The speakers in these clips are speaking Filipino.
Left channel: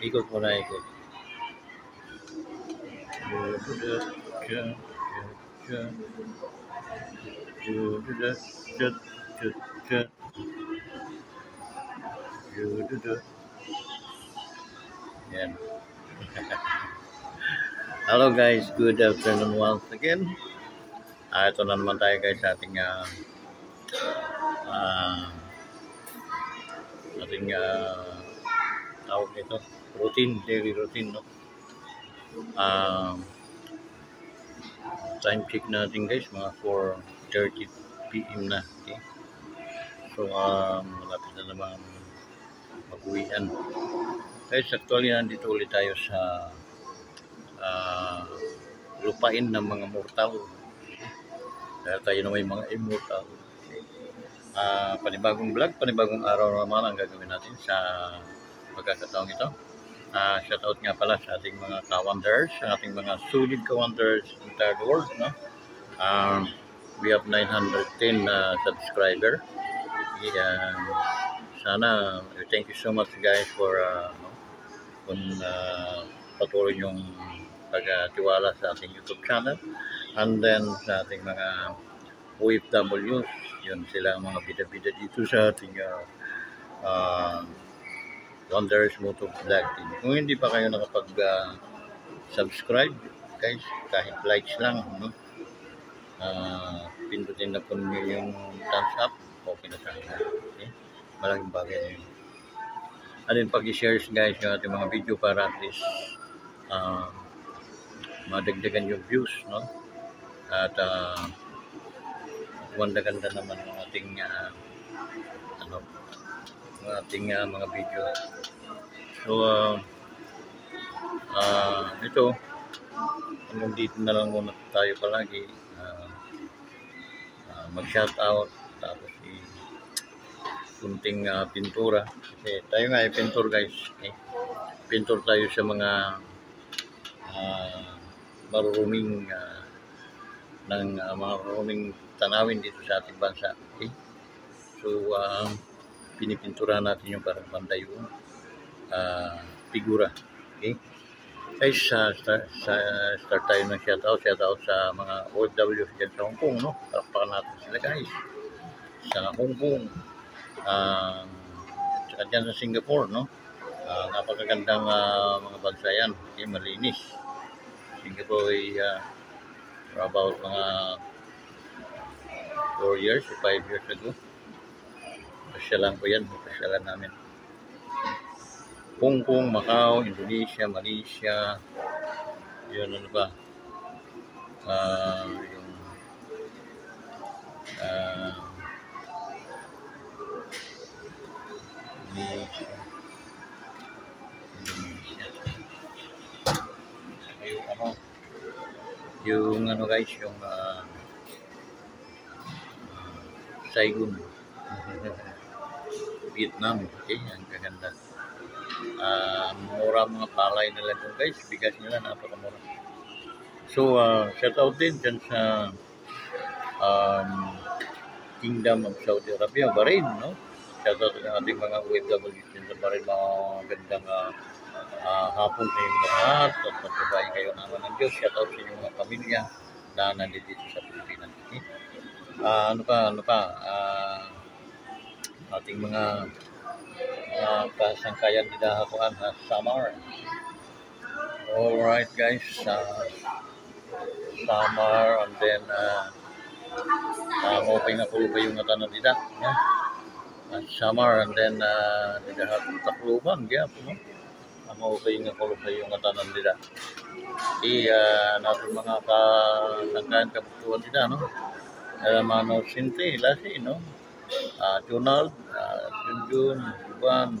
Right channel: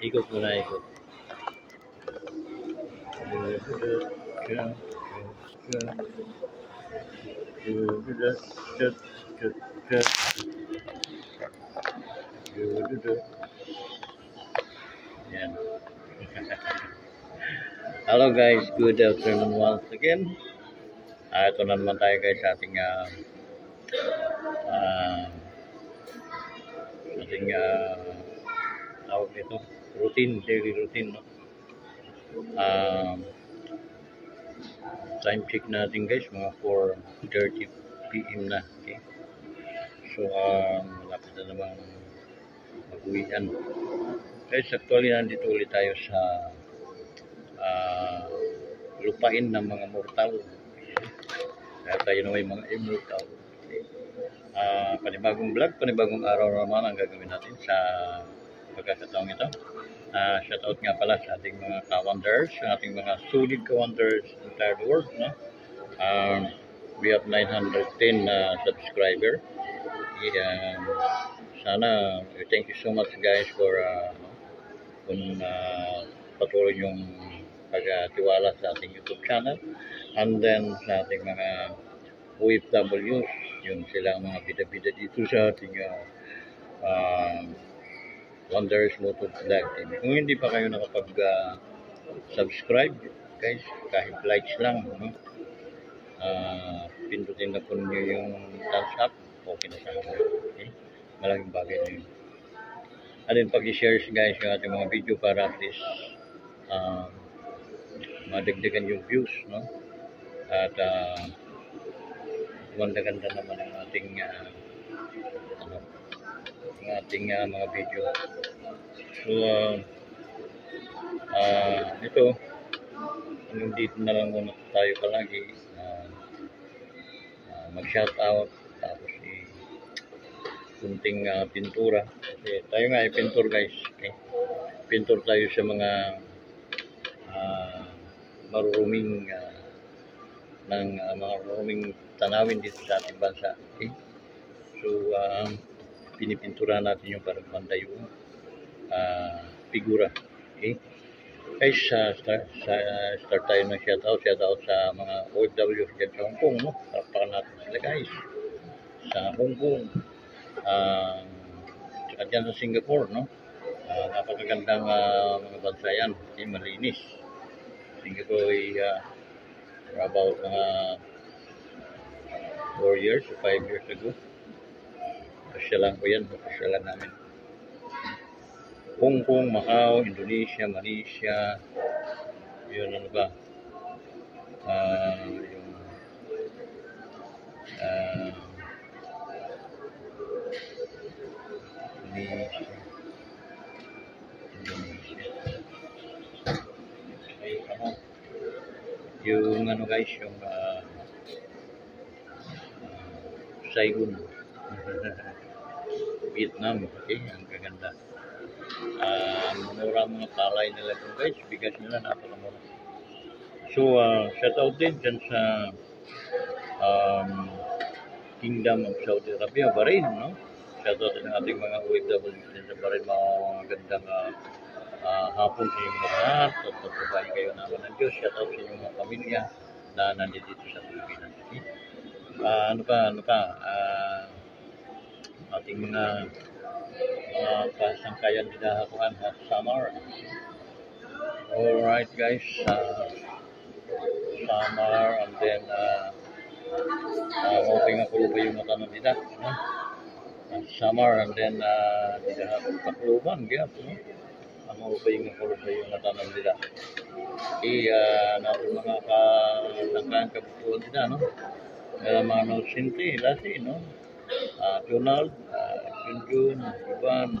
Ikot muna, ikot. Yan. Hello guys, good afternoon once again. Ito na naman tayo guys sa ating uh, tawag nito, daily routine, no? Time check natin guys, mga 4:30 PM na. Okay? So, malapit na naman mag-uwian. Guys, actually nandito ulit tayo sa lupain ng mga mortal. Dahil tayo na may mga immortal. Panibagong vlog, panibagong araw naman ang gagawin natin sa pagkakataong ito. Shoutout nga pala sa ating mga ka-wonders, sa ating mga sulit ka-wonders in the entire world, no? We have 910 subscriber. Sana, thank you so much guys for patuloy yung pagtiwala sa ating YouTube channel, and then sa ating mga OFWs, yun sila ang mga bida-bida dito sa ating Wonders Moto Vlog. Kung hindi pa kayo nakapag-subscribe guys, kahit likes lang, no? Pindutin na po nyo yung thumbs up, okay na sa akin. Okay? Malaking bagay na yun. And then pag-share guys yung ating mga video para at least madagdagan yung views, no? At ganda naman ang ating mga video. So ito hanggang dito na lang muna tayo palagi. Mag-shout out, tapos kunting pintura, kasi tayo nga ay pintor guys. Okay? Pintor tayo sa mga maruruming maruruming tanawin dito sa ating bansa. Okay? So pinipintura natin yung parang panday yung figura. Okay? Guys, start tayo ng shoutout sa mga OFW dyan sa Hong Kong, no? Palakpakan natin sila guys sa Hong Kong, tsaka dyan sa Singapore, no? Napakagandang mga bansa yan. Okay, malinis. Singapore ay about mga 4 years or 5 years ago. Pasyalan ko yan, pasyalan namin. Hong Kong, Macau, Indonesia, Malaysia, yun ano ba? Yung Indonesia. Yung ano guys, yung Saigon, Vietnam. Okay, ang gaganda. Mura mga palay nila doon guys, bigas nila napakamura. So shout out din dyan sa Kingdom of Saudi Arabia, Bahrain, no? Shout out din ang ating mga OFW din sa Bahrain, mga gandang hapon sa inyong lahat, at patubayin kayo naman ng Diyos. Shout out sa inyong mga pamilya na nandito sa Pilipinas. Okay? Ano pa ating mga kasangkayan di dahakuan na Samar. Alright guys, Samar, and then okay na po ba yung matanan dita, no? Samar, and then di dahakong Tacloban, kaya po, no? Okay yung nakulog na yung matanan dita. Natin mga kasangkayan kabutuan dita, no? Mano Sinti, Lasi, no? Donald, Junjun, Ruban,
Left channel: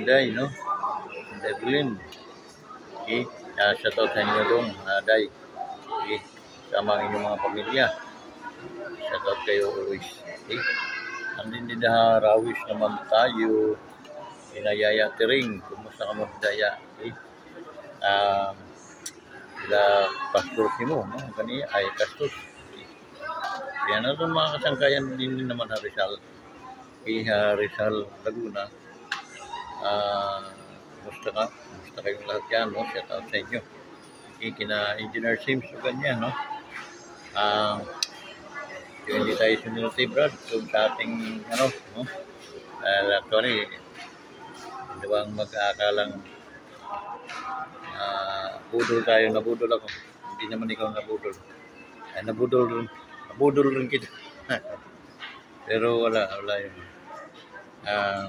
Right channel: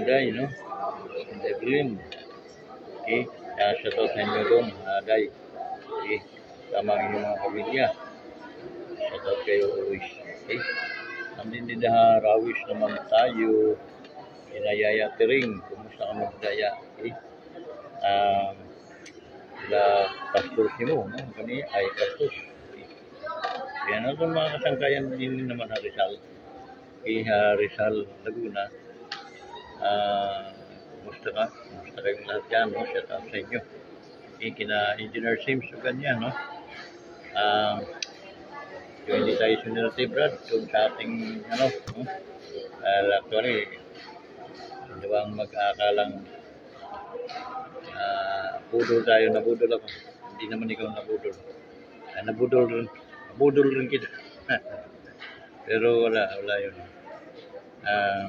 Inday, no? Evelyn. Okay, shoutout sa inyo doon, Day. Okay, sama ang inyong mga pamilya. Shoutout kayo always. Okay, andin na rawis naman tayo. Inayaya Tiring, kumusta ka mo daya? Okay, pastor mo, no? Kani ay pastor. Yan na itong mga kasangkayan din naman sa Rizal. Iha Rizal, Laguna. Kumusta ka? Kumusta kayong lahat yan, no? Shout out sa inyo. Kina Engineer Sims, o ganyan, no? Ah, yung hindi tayo sunility, Brad, kung sa ating, ano, no? Actually, hindi bang mag-aakalang budol tayo, nabudol ako. Hindi naman ikaw nabudol. Ay, nabudol rin kita. Pero wala yun. Ah,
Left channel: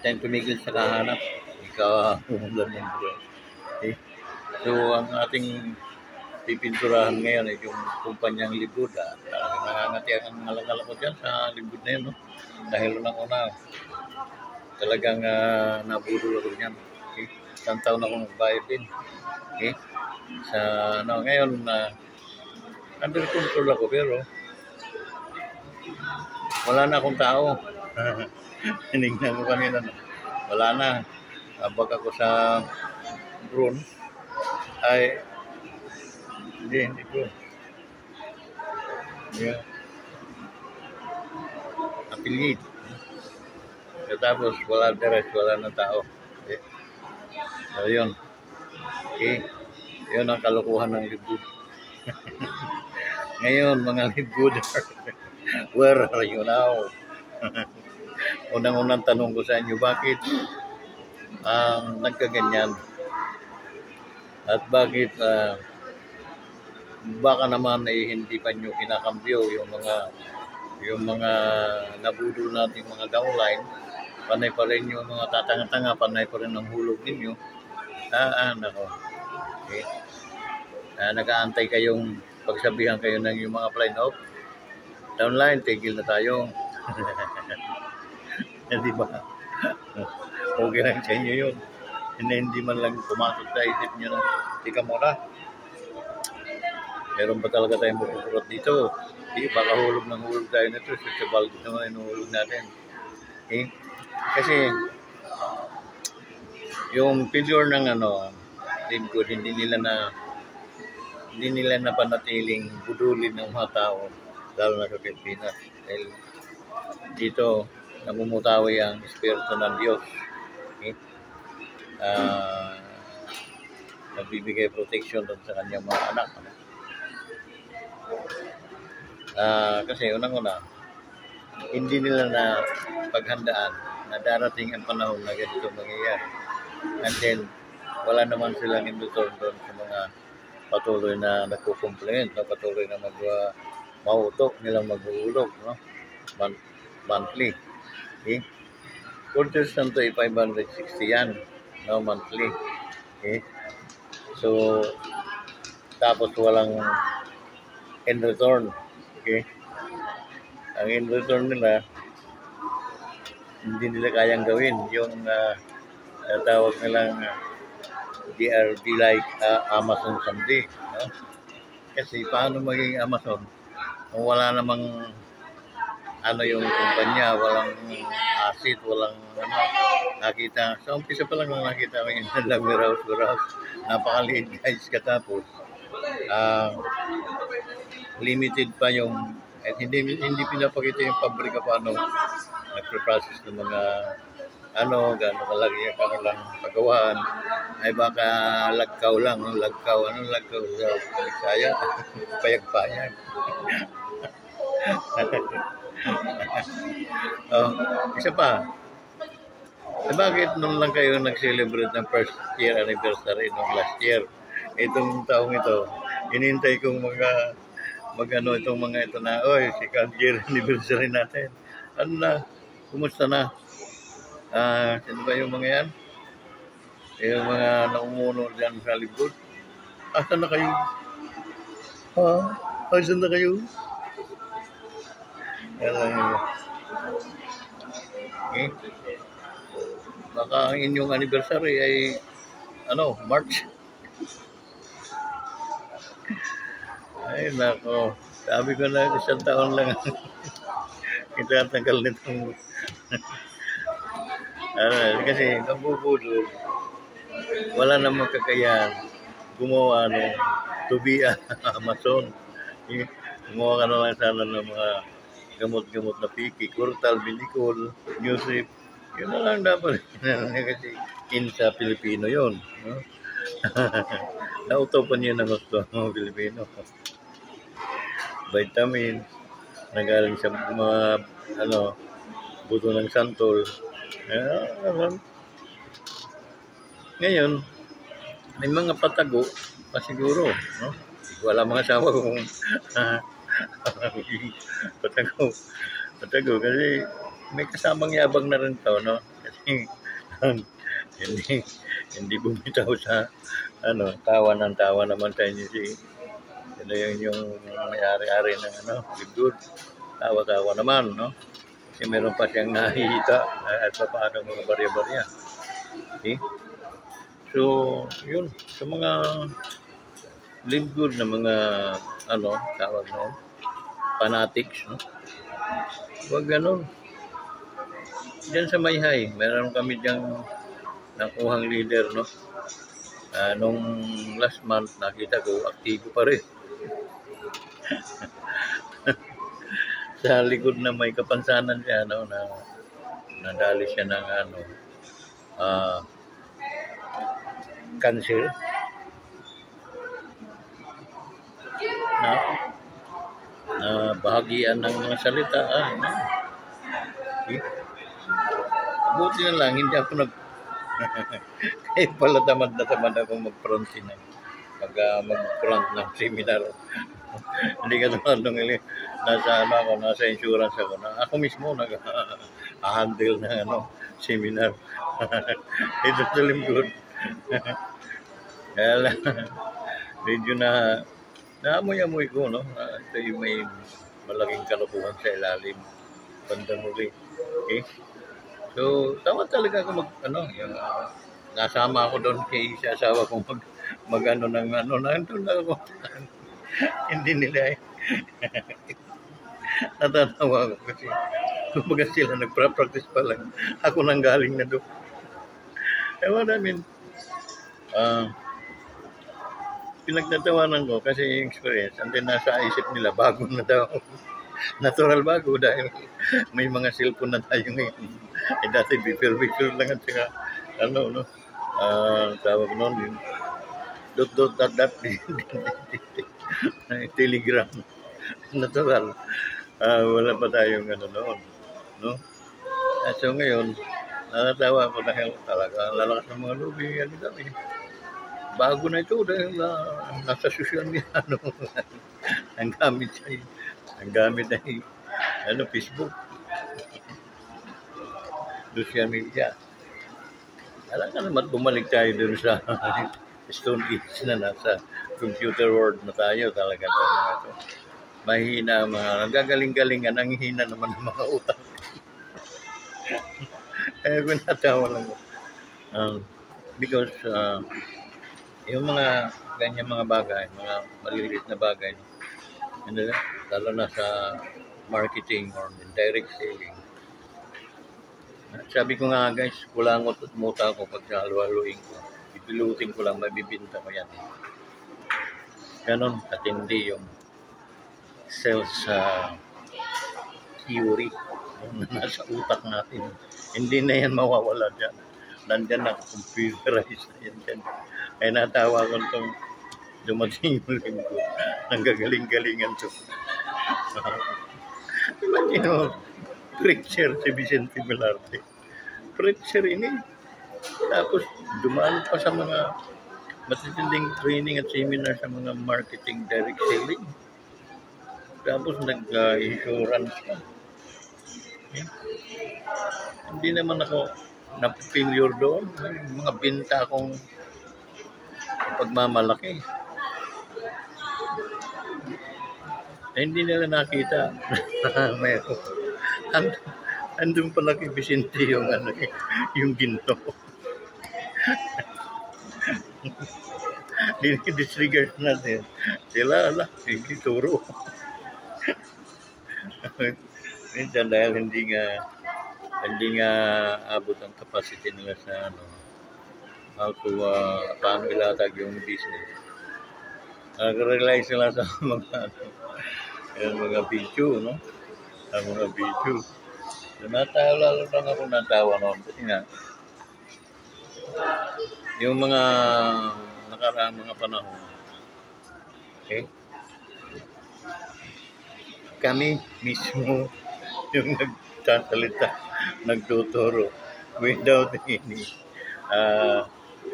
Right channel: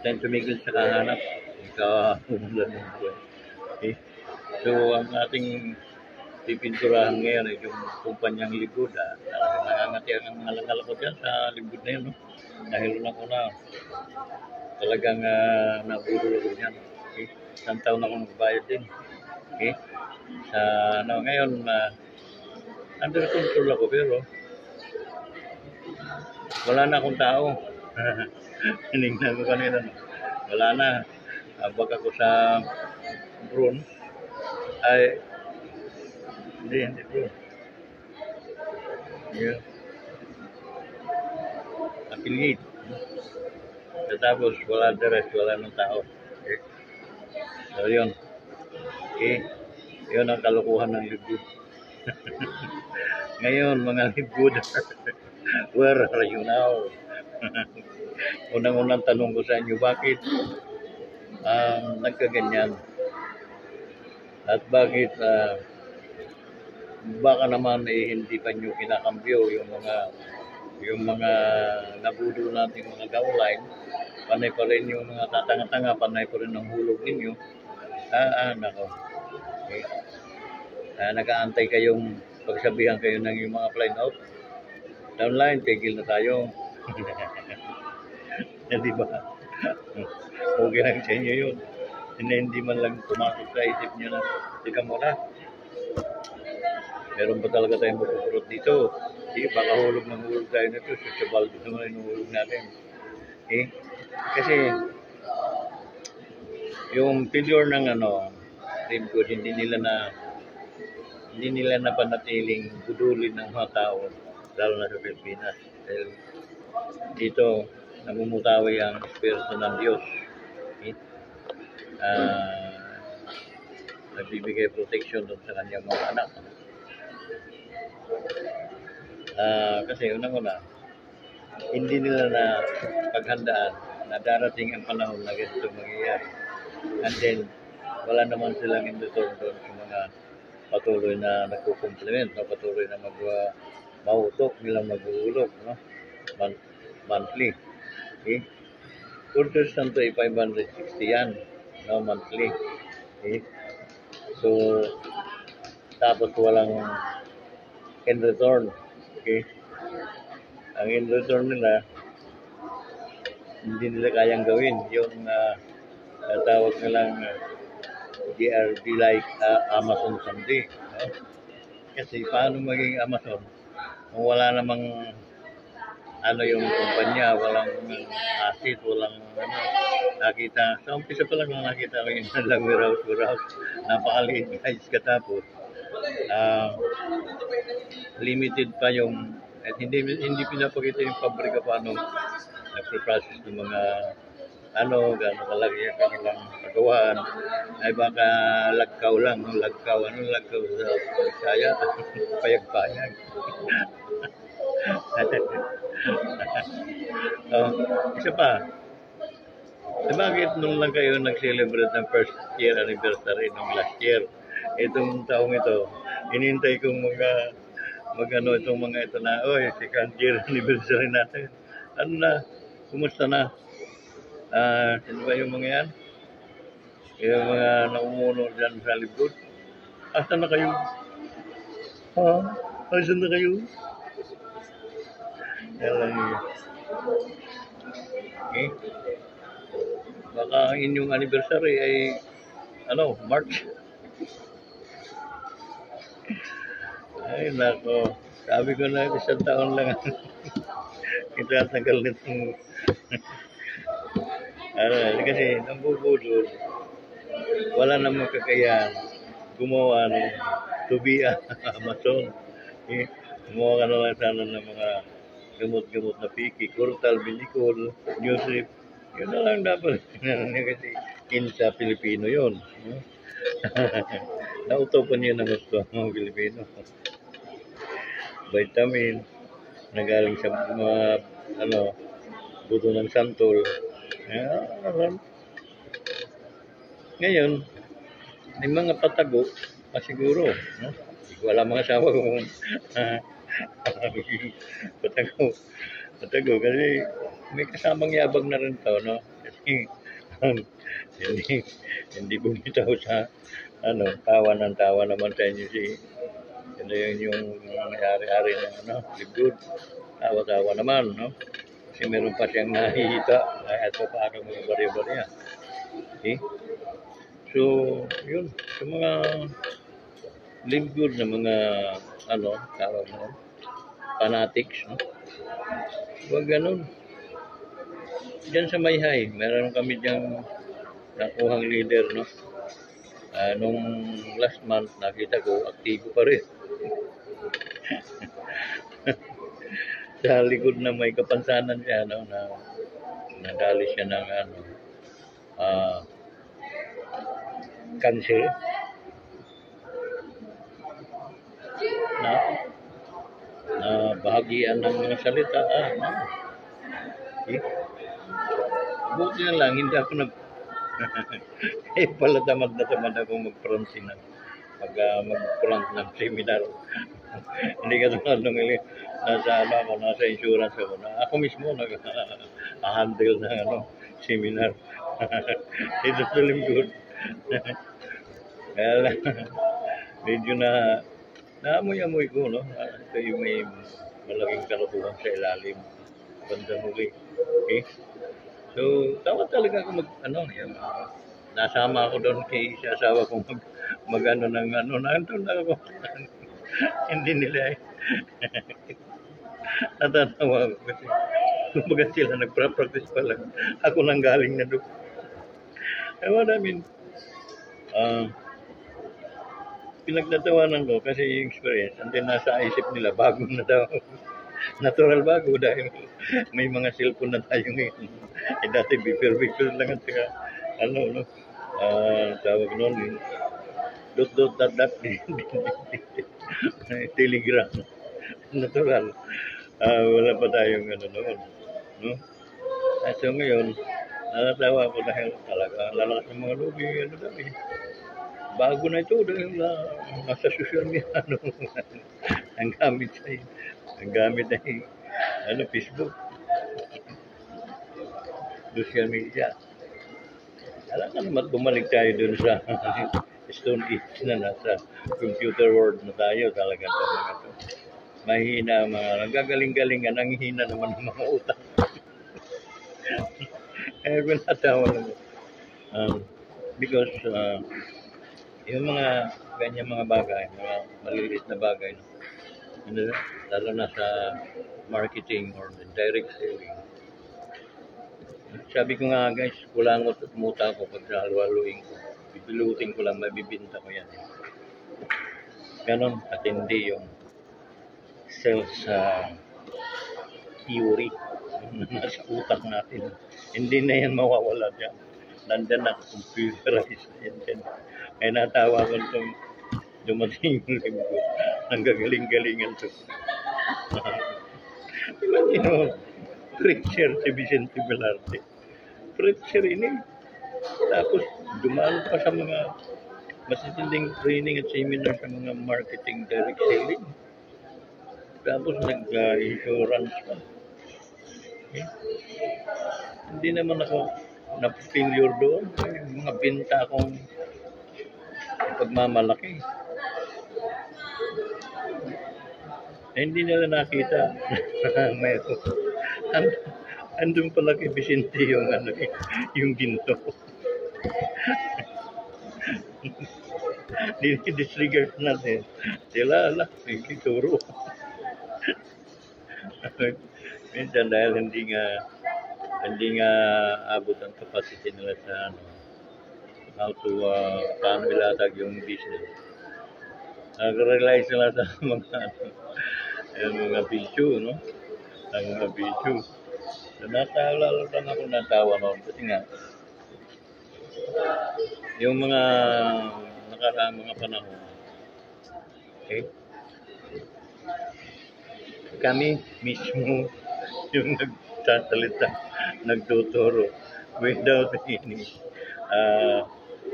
Tend tumigil sa kahanap. Ikaw ang ulan ng buhay. Okay? So, ang ating pipinturahan ngayon ay yung kumpanyang Libud. Talagang nangangatiang ang ngalangal ko dyan sa Libud na yun. No? Dahil unang-una, talagang nabudol ako dyan. Okay? Isang taon akong nagbayad din. Okay? Sa ano, ngayon, under control ako pero wala na akong tao. Hinignan ko kanina. Wala na. Habag ako sa drone. Ay, hindi drone. Yeah. Affiliate. Tapos wala direct, wala na tao. Okay. So yun. Okay. Yun ang kalukuhan ng Libud. Ngayon, mga Libud, where are you now? Unang-unang tanong ko sa inyo, bakit nagkaganyan? At bakit baka naman hindi pa nyo kinakambyo yung mga nabudol natin mga downline, panay pa rin yung mga tatanga-tanga, panay pa rin ang hulog ninyo. Nako. Okay. Nag-aantay kayong pagsabihan kayo ng yung mga flying off. Downline, tigil na tayo. Di ba? Okay lang sa inyo yun. Hindi man lang pumasok sa isip nyo na tika muna. Meron ba talaga tayong mapupurat dito? Hindi, baka hulog ng hulog tayo nito. Sa balde naman yung hulog natin. Eh? Kasi yung failure ng team code, hindi nila napanatiling budulin ng mga tao, lalo na sa Pilipinas. Dahil dito, namumutawi ang Espiritu ng Diyos. Okay? Nagbibigay protection doon sa kanyang mga anak. Kasi unang-una, hindi nila na paghandaan na darating ang panahon na ganito mangyayari. And then, wala naman silang in return doon sa mga patuloy na nagkukumplement, no? Patuloy na mautok nilang magulog, no? Monthly. Okay? Constant to 560 yan, no? Monthly. Okay? So, tapos walang in return. Okay? Ang in return nila, hindi nila kayang gawin yung tawag nilang DRD like Amazon someday. No? Kasi paano maging Amazon kung wala namang yung kumpanya, walang asset, walang nakita. Sa umpisa pa lang nakita ko yung lang warehouse. Napakaliit guys, katapos limited pa yung at hindi pinapakita yung pabrika paano nagpo-process ng mga gano'n kalaki ang kanilang pagawaan, ay baka lagkaw lang, lagkaw sa Bisaya, payag-payag. Isa pa, bakit nung lang kayo nag-celebrate ng first year anniversary nung last year? Itong taong ito, inintay kong itong mga ito na, second year anniversary natin. Ano na? Kumusta na? Sino ba yung mga yan? Yung mga naumuno dyan sa Libud? Asan na kayo? Asan na kayo? Okay. Baka ang inyong anniversary ay March. Ay nako, sabi ko na isang taon lang kita tagal nitong kasi nabubudol, wala namang kakayahan gumawa ng tubian Amazon. Kumuha ka na lang sana ng mga gamot-gamot na piki, Curtal, Binicol, Newsip. Yun na lang dapat. Kasi sa Pilipino yun. No? Nautopan yun ang gusto ng mga Pilipino. Vitamin, nagaling sa mga buto ng santol. Ngayon, may mga patago pa siguro. No? Wala mga asawa kung patago. Patago kasi may kasamang yabang na rin to, no? Kasi hindi, hindi bumitaw sa tawa ng tawa naman tayo niyo si yung may-ari-ari ng good. Tawa-tawa naman, no? Kasi meron pa siyang nahihita at paano mga barya-barya. Okay? So, yun. Sa mga live good na mga tawag fanatics, no? Huwag ganun. Diyan sa Mayhay, meron kami diyang nakuhang leader, no? Nung last month, nakita ko, aktibo pa rin. Sa likod na may kapansanan siya, no? Nadali siya ng cancer. Bahagian ng mga salita. Buti na lang, hindi ako kahit pala tamad na tamad ako mag-front ng seminar. Hindi ka naman nung nasa insurance ako. Ako mismo nag-handle ng seminar. Ito sa lingkod. Kaya lang, medyo naamoy-amoy ko, no? Ito yung may malaking kalokohan sa ilalim. Bandang huli. Okay? So, tama talaga ako yung nasama ako doon kay sa asawa ko nandun na ako. Hindi nila natatawa ko kasi kumbaga sila nagpa-practice pa lang. Ako nang galing na doon. Pinagtatawanan ko kasi yung experience and then nasa isip nila bago na daw. Natural bago dahil may mga cellphone na tayo ngayon. Dati bipil lang at saka tawag noon dot telegram. Natural. Wala pa tayong noon. No? So ngayon, natatawa ako dahil talaga lalakas ng mga lobby, bago na ito dahil nasa social media, ang gamit ay Facebook, social media. Talaga naman bumalik tayo dun sa Stone Age na nasa computer world na tayo talaga. Mahina mga nagagaling-galingan, ang hina naman ng mga utak. Kaya pinatawa lang ko. Because yung mga ganyan mga bagay, mga maliliit na bagay, lalo na sa marketing or direct selling. Sabi ko nga guys, kulangot at muta ko pag halo-haloin ko. Bibilutin ko lang, mabibinta ko yan. Ganon, at hindi yung sales theory na nasa utak natin. Hindi na yan mawawala dyan. Nandyan na computerized na yan. Kaya natawa ko itong dumating yung linggo. Ang gagaling-galingan ito. Imagine, preacher si Vicente Velarde. Preacher ini. Tapos dumaan pa sa mga matitinding training at seminar sa mga marketing direct selling. Tapos nag-insurance pa. Hindi naman ako na-failure doon. Mga binta akong pagmamalaki. Hindi nila nakita. Andun pala kay Vicente yung ginto. Disregard natin. Sila, hindi turo. Minsan dahil hindi nga abot ang capacity nila sa paano ilatag yung business. Nag-rely sila sa mga, yan, mga video, no? Sa mga video. So, lalo lang ako natawa noon. Kasi nga, yung mga nakaraang mga panahon, okay? Kami mismo yung nagsasalita, nagtuturo without any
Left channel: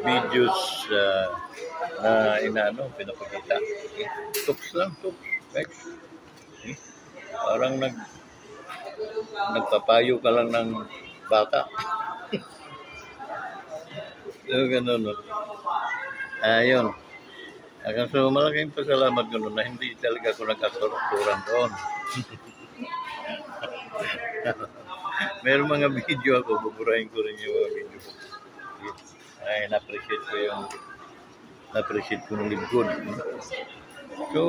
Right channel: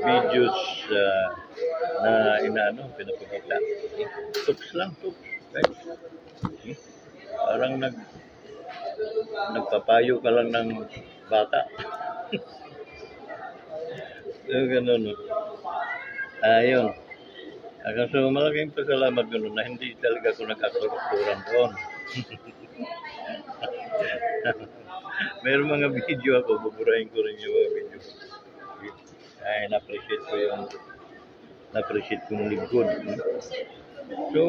videos na pinapakita. Tuks lang, tuks. Right? Okay? Parang nagpapayo ka lang ng bata. So, ganun, no? Ayun. So, malaking pasalamat ko na hindi talaga ako nagkakaroturan doon. Meron mga video ako, buburahin ko rin yung mga video. Ay, na-appreciate ko ng lingkod. So,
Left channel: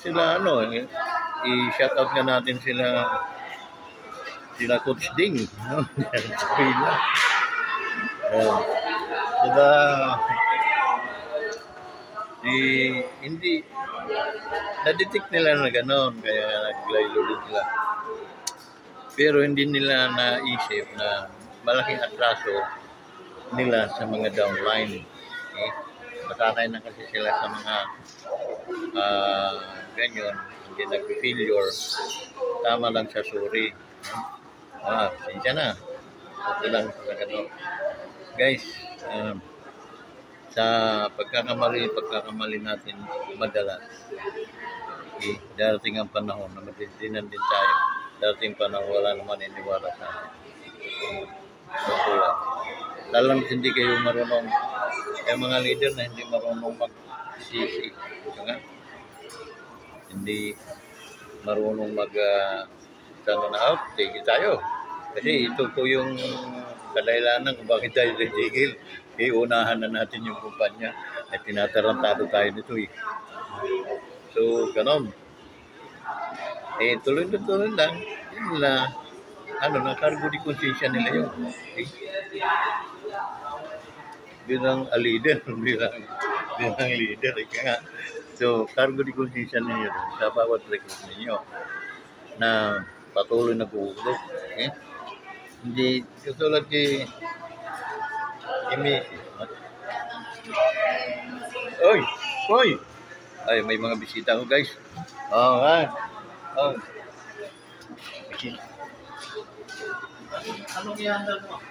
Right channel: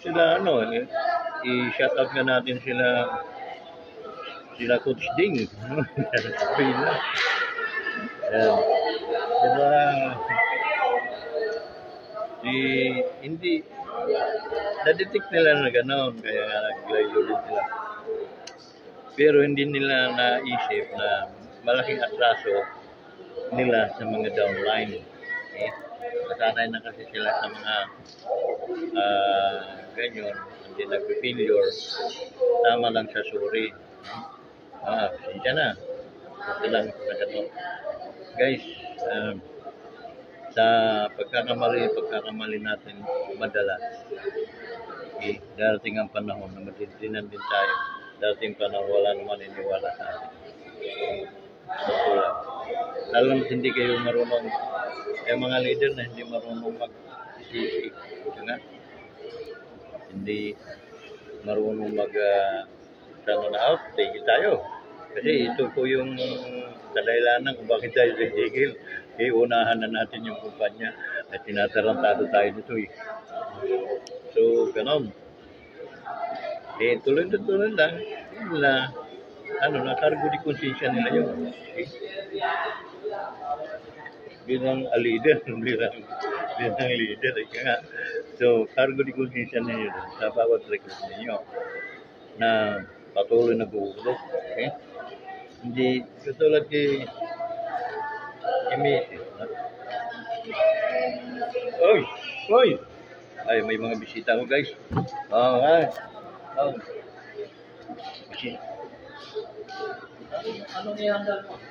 sila i-shout out nga natin sila Coach Ding, no? Sila, hindi, na-detect nila na gano'n, kaya naglaylo din sila. Pero hindi nila naisip na malaking atraso nila sa mga downline. Okay? Masanay na kasi sila sa mga ganyan, hindi nag-failure, tama lang sa sorry. Sinsya na. Ito lang sa gano'n. Guys, sa pagkakamali natin madalas, okay, darating ang panahon na matitinan din tayo. Darating panahon wala naman iniwala sa atin. Lalo na hindi kayo marunong, yung mga leader na hindi marunong mag-sisi, hindi marunong take tayo. Kasi ito po yung kadailanan kung bakit tayo titigil. Unahan na natin yung kumpanya at tinatarantado tayo dito eh. So, ganon. Tuloy lang. Yun na, nakargo di konsensya nila yun. Okay? Bilang leader, bilang leader. So, cargo di konsensya ninyo sa bawat record ninyo na patuloy na gugulo. Okay? Hindi, katulad kay Messi. Oy! Ay, may mga bisita ko, guys. Bisita. Anong ihanda mo?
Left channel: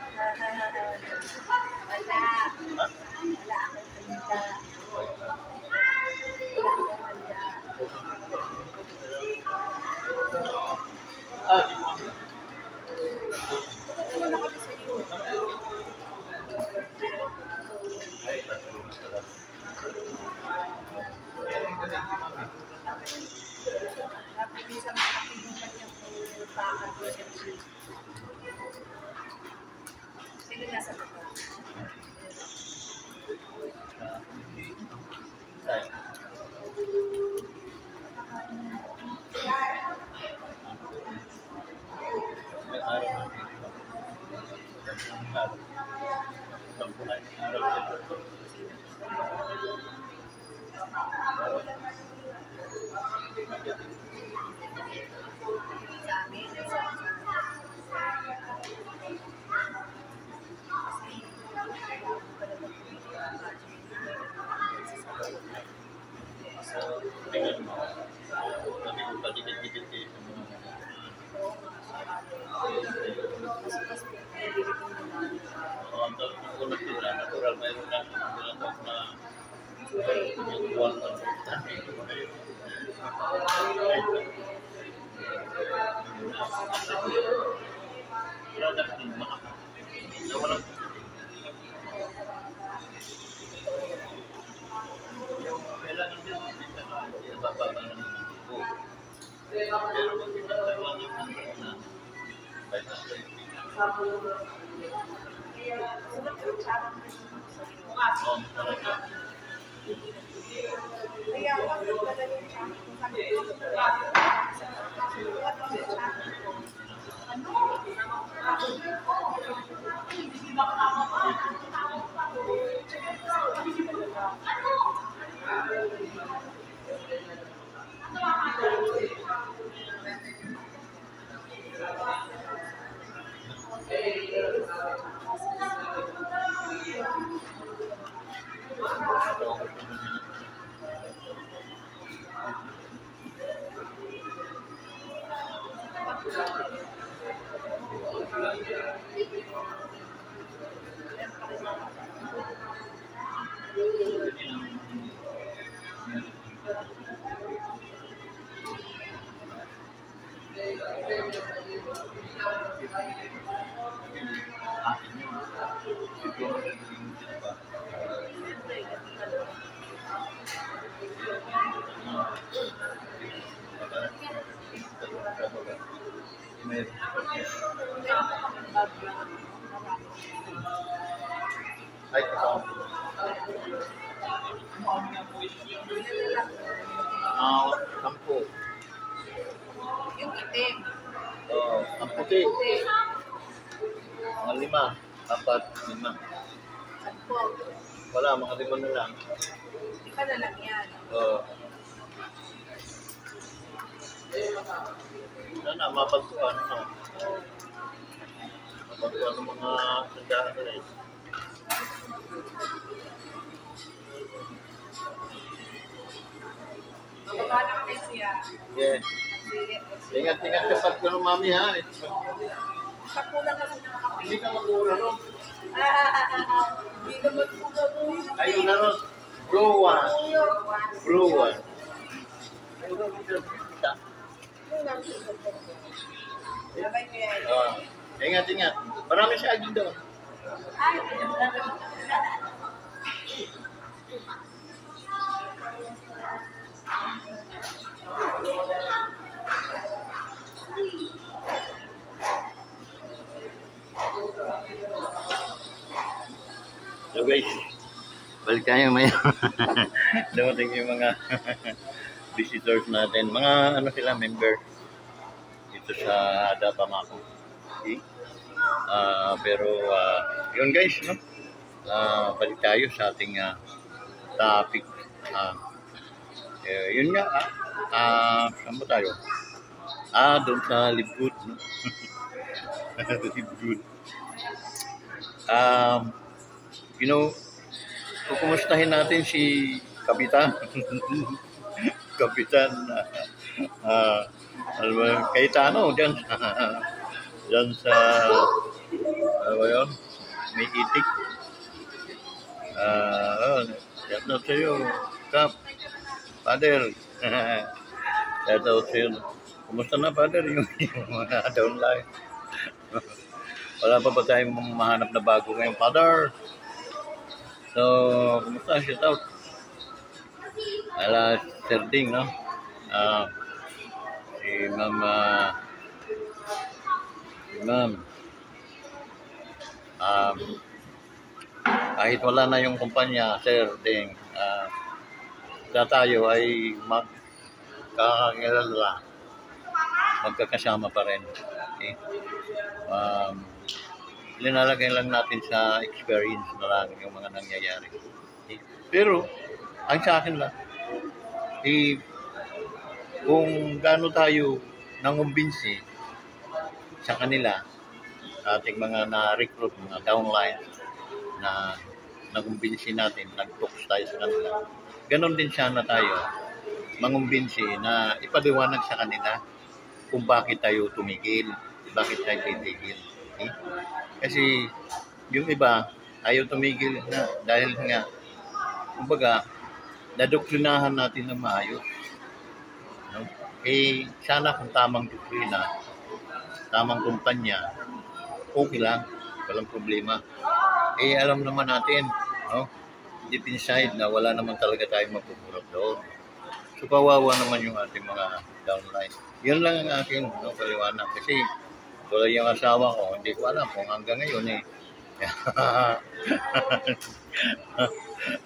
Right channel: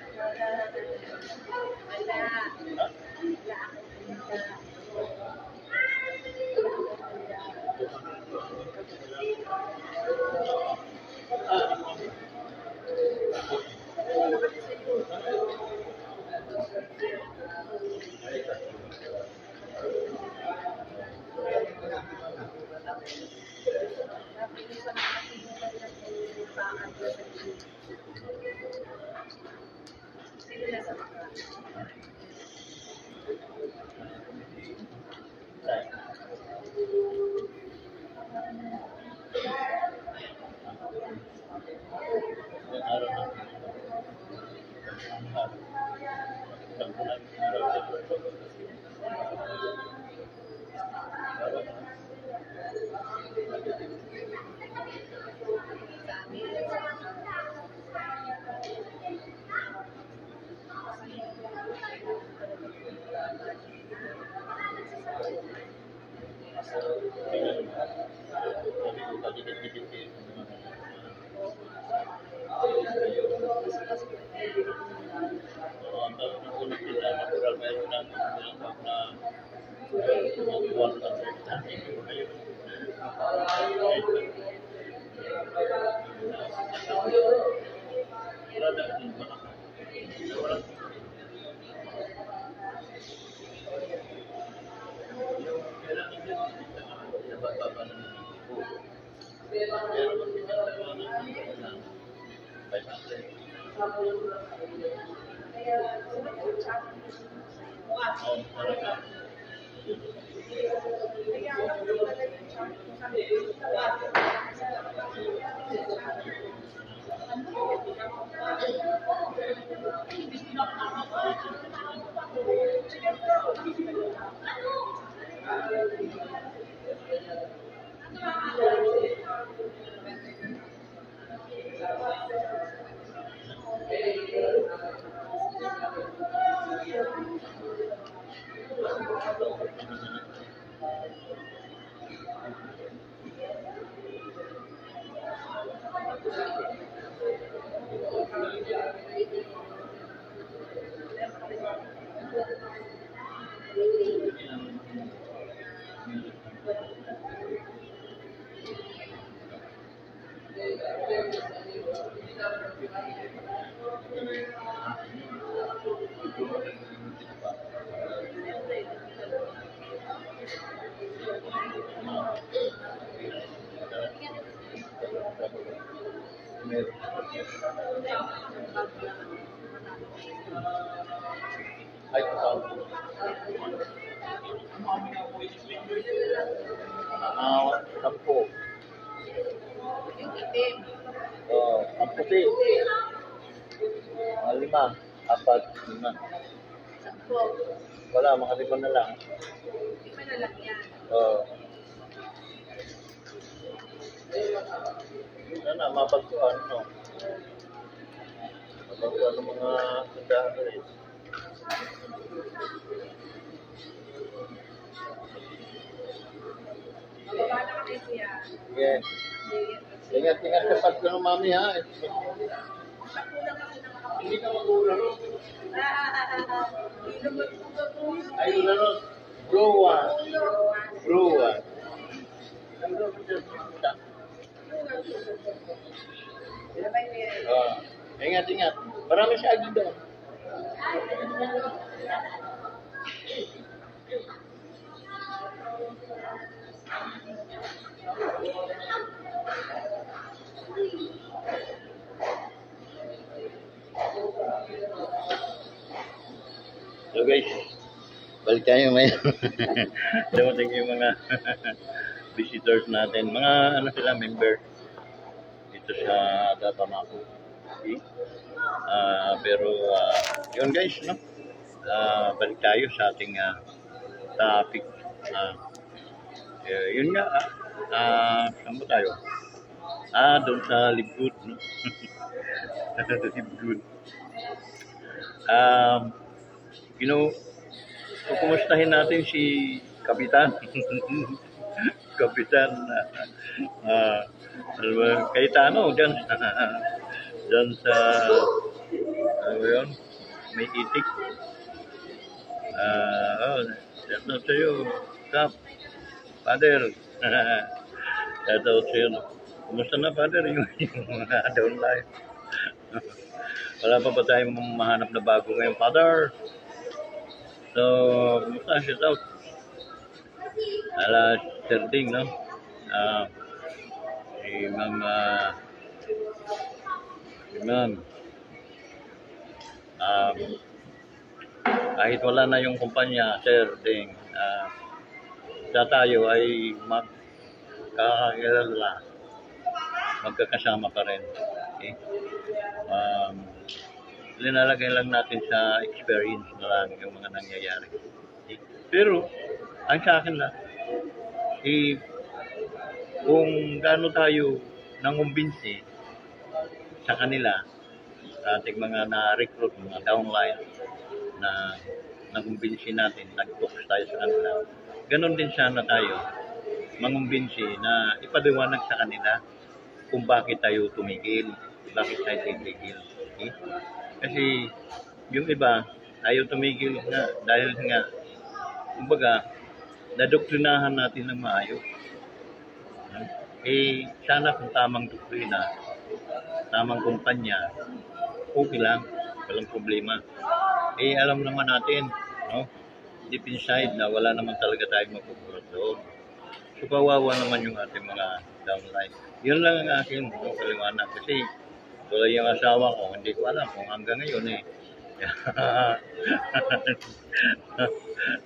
Ay, sampo. Yung itim. Ang puti. Mga 5, 4, 5. Sampo. Wala, mga 5 na lang. Iba na lang yan. Sana, mapagpuan, no? Mapagpuan ng mga sandahan na rin. Mababa na kami siya. Yes. Ingat-ingat ka pag ng mami, ha? Kapulang kasi nakakapit. Hindi ka mag-uula, no? Hindi naman po gagawin. Ayun na, no? Blue one. Blue one. Sabay mo yan. Ingat-ingat. Marami siya agad doon. Ay, So guys, balik tayo may dumating yung mga visitors natin. Mga ano sila, member dito sa Dapamaco. Okay? Pero yun guys, no? Balik tayo sa ating topic. Yun nga, saan ba tayo? Doon sa Libgood, no? Libgood. You know, kukumustahin natin si Kapitan. Kapitan, Cayetano, dyan sa, ano ba yun? May itik. Shout out sa'yo, Kap. Father. Shout out sa'yo. Kumusta na, Father, yung mga downline? Wala pa ba tayong mahanap na bago ngayong Father? So, kumusta? Shout out. Ala, Sir Ding, no? Si Mama, kahit wala na yung kumpanya, Sir Ding, tayo ay magkakakilala, magkakasama pa rin. Okay? Linalagay lang natin sa experience na lang yung mga nangyayari. Okay? Pero, ang sa akin lang, kung gaano tayo nangumbinsi sa kanila, sa ating mga na-recruit, mga downline, na nagumbinsi natin, nag-talks tayo sa kanila, ganon din sana tayo mangumbinsi na ipaliwanag sa kanila kung bakit tayo tumigil, bakit tayo titigil. Okay? Kasi yung iba, ayaw tumigil na dahil nga, kumbaga, nadoktrinahan natin ng maayos. No? Sana kung tamang doktrina, tamang kumpanya, okay lang, walang problema. Alam naman natin, no? Deep inside na wala naman talaga tayong mapupulot doon. So, kawawa naman yung ating mga downline. Yun lang ang akin, no, paliwanag. Kasi, tulad yung asawa ko, hindi ko alam kung hanggang ngayon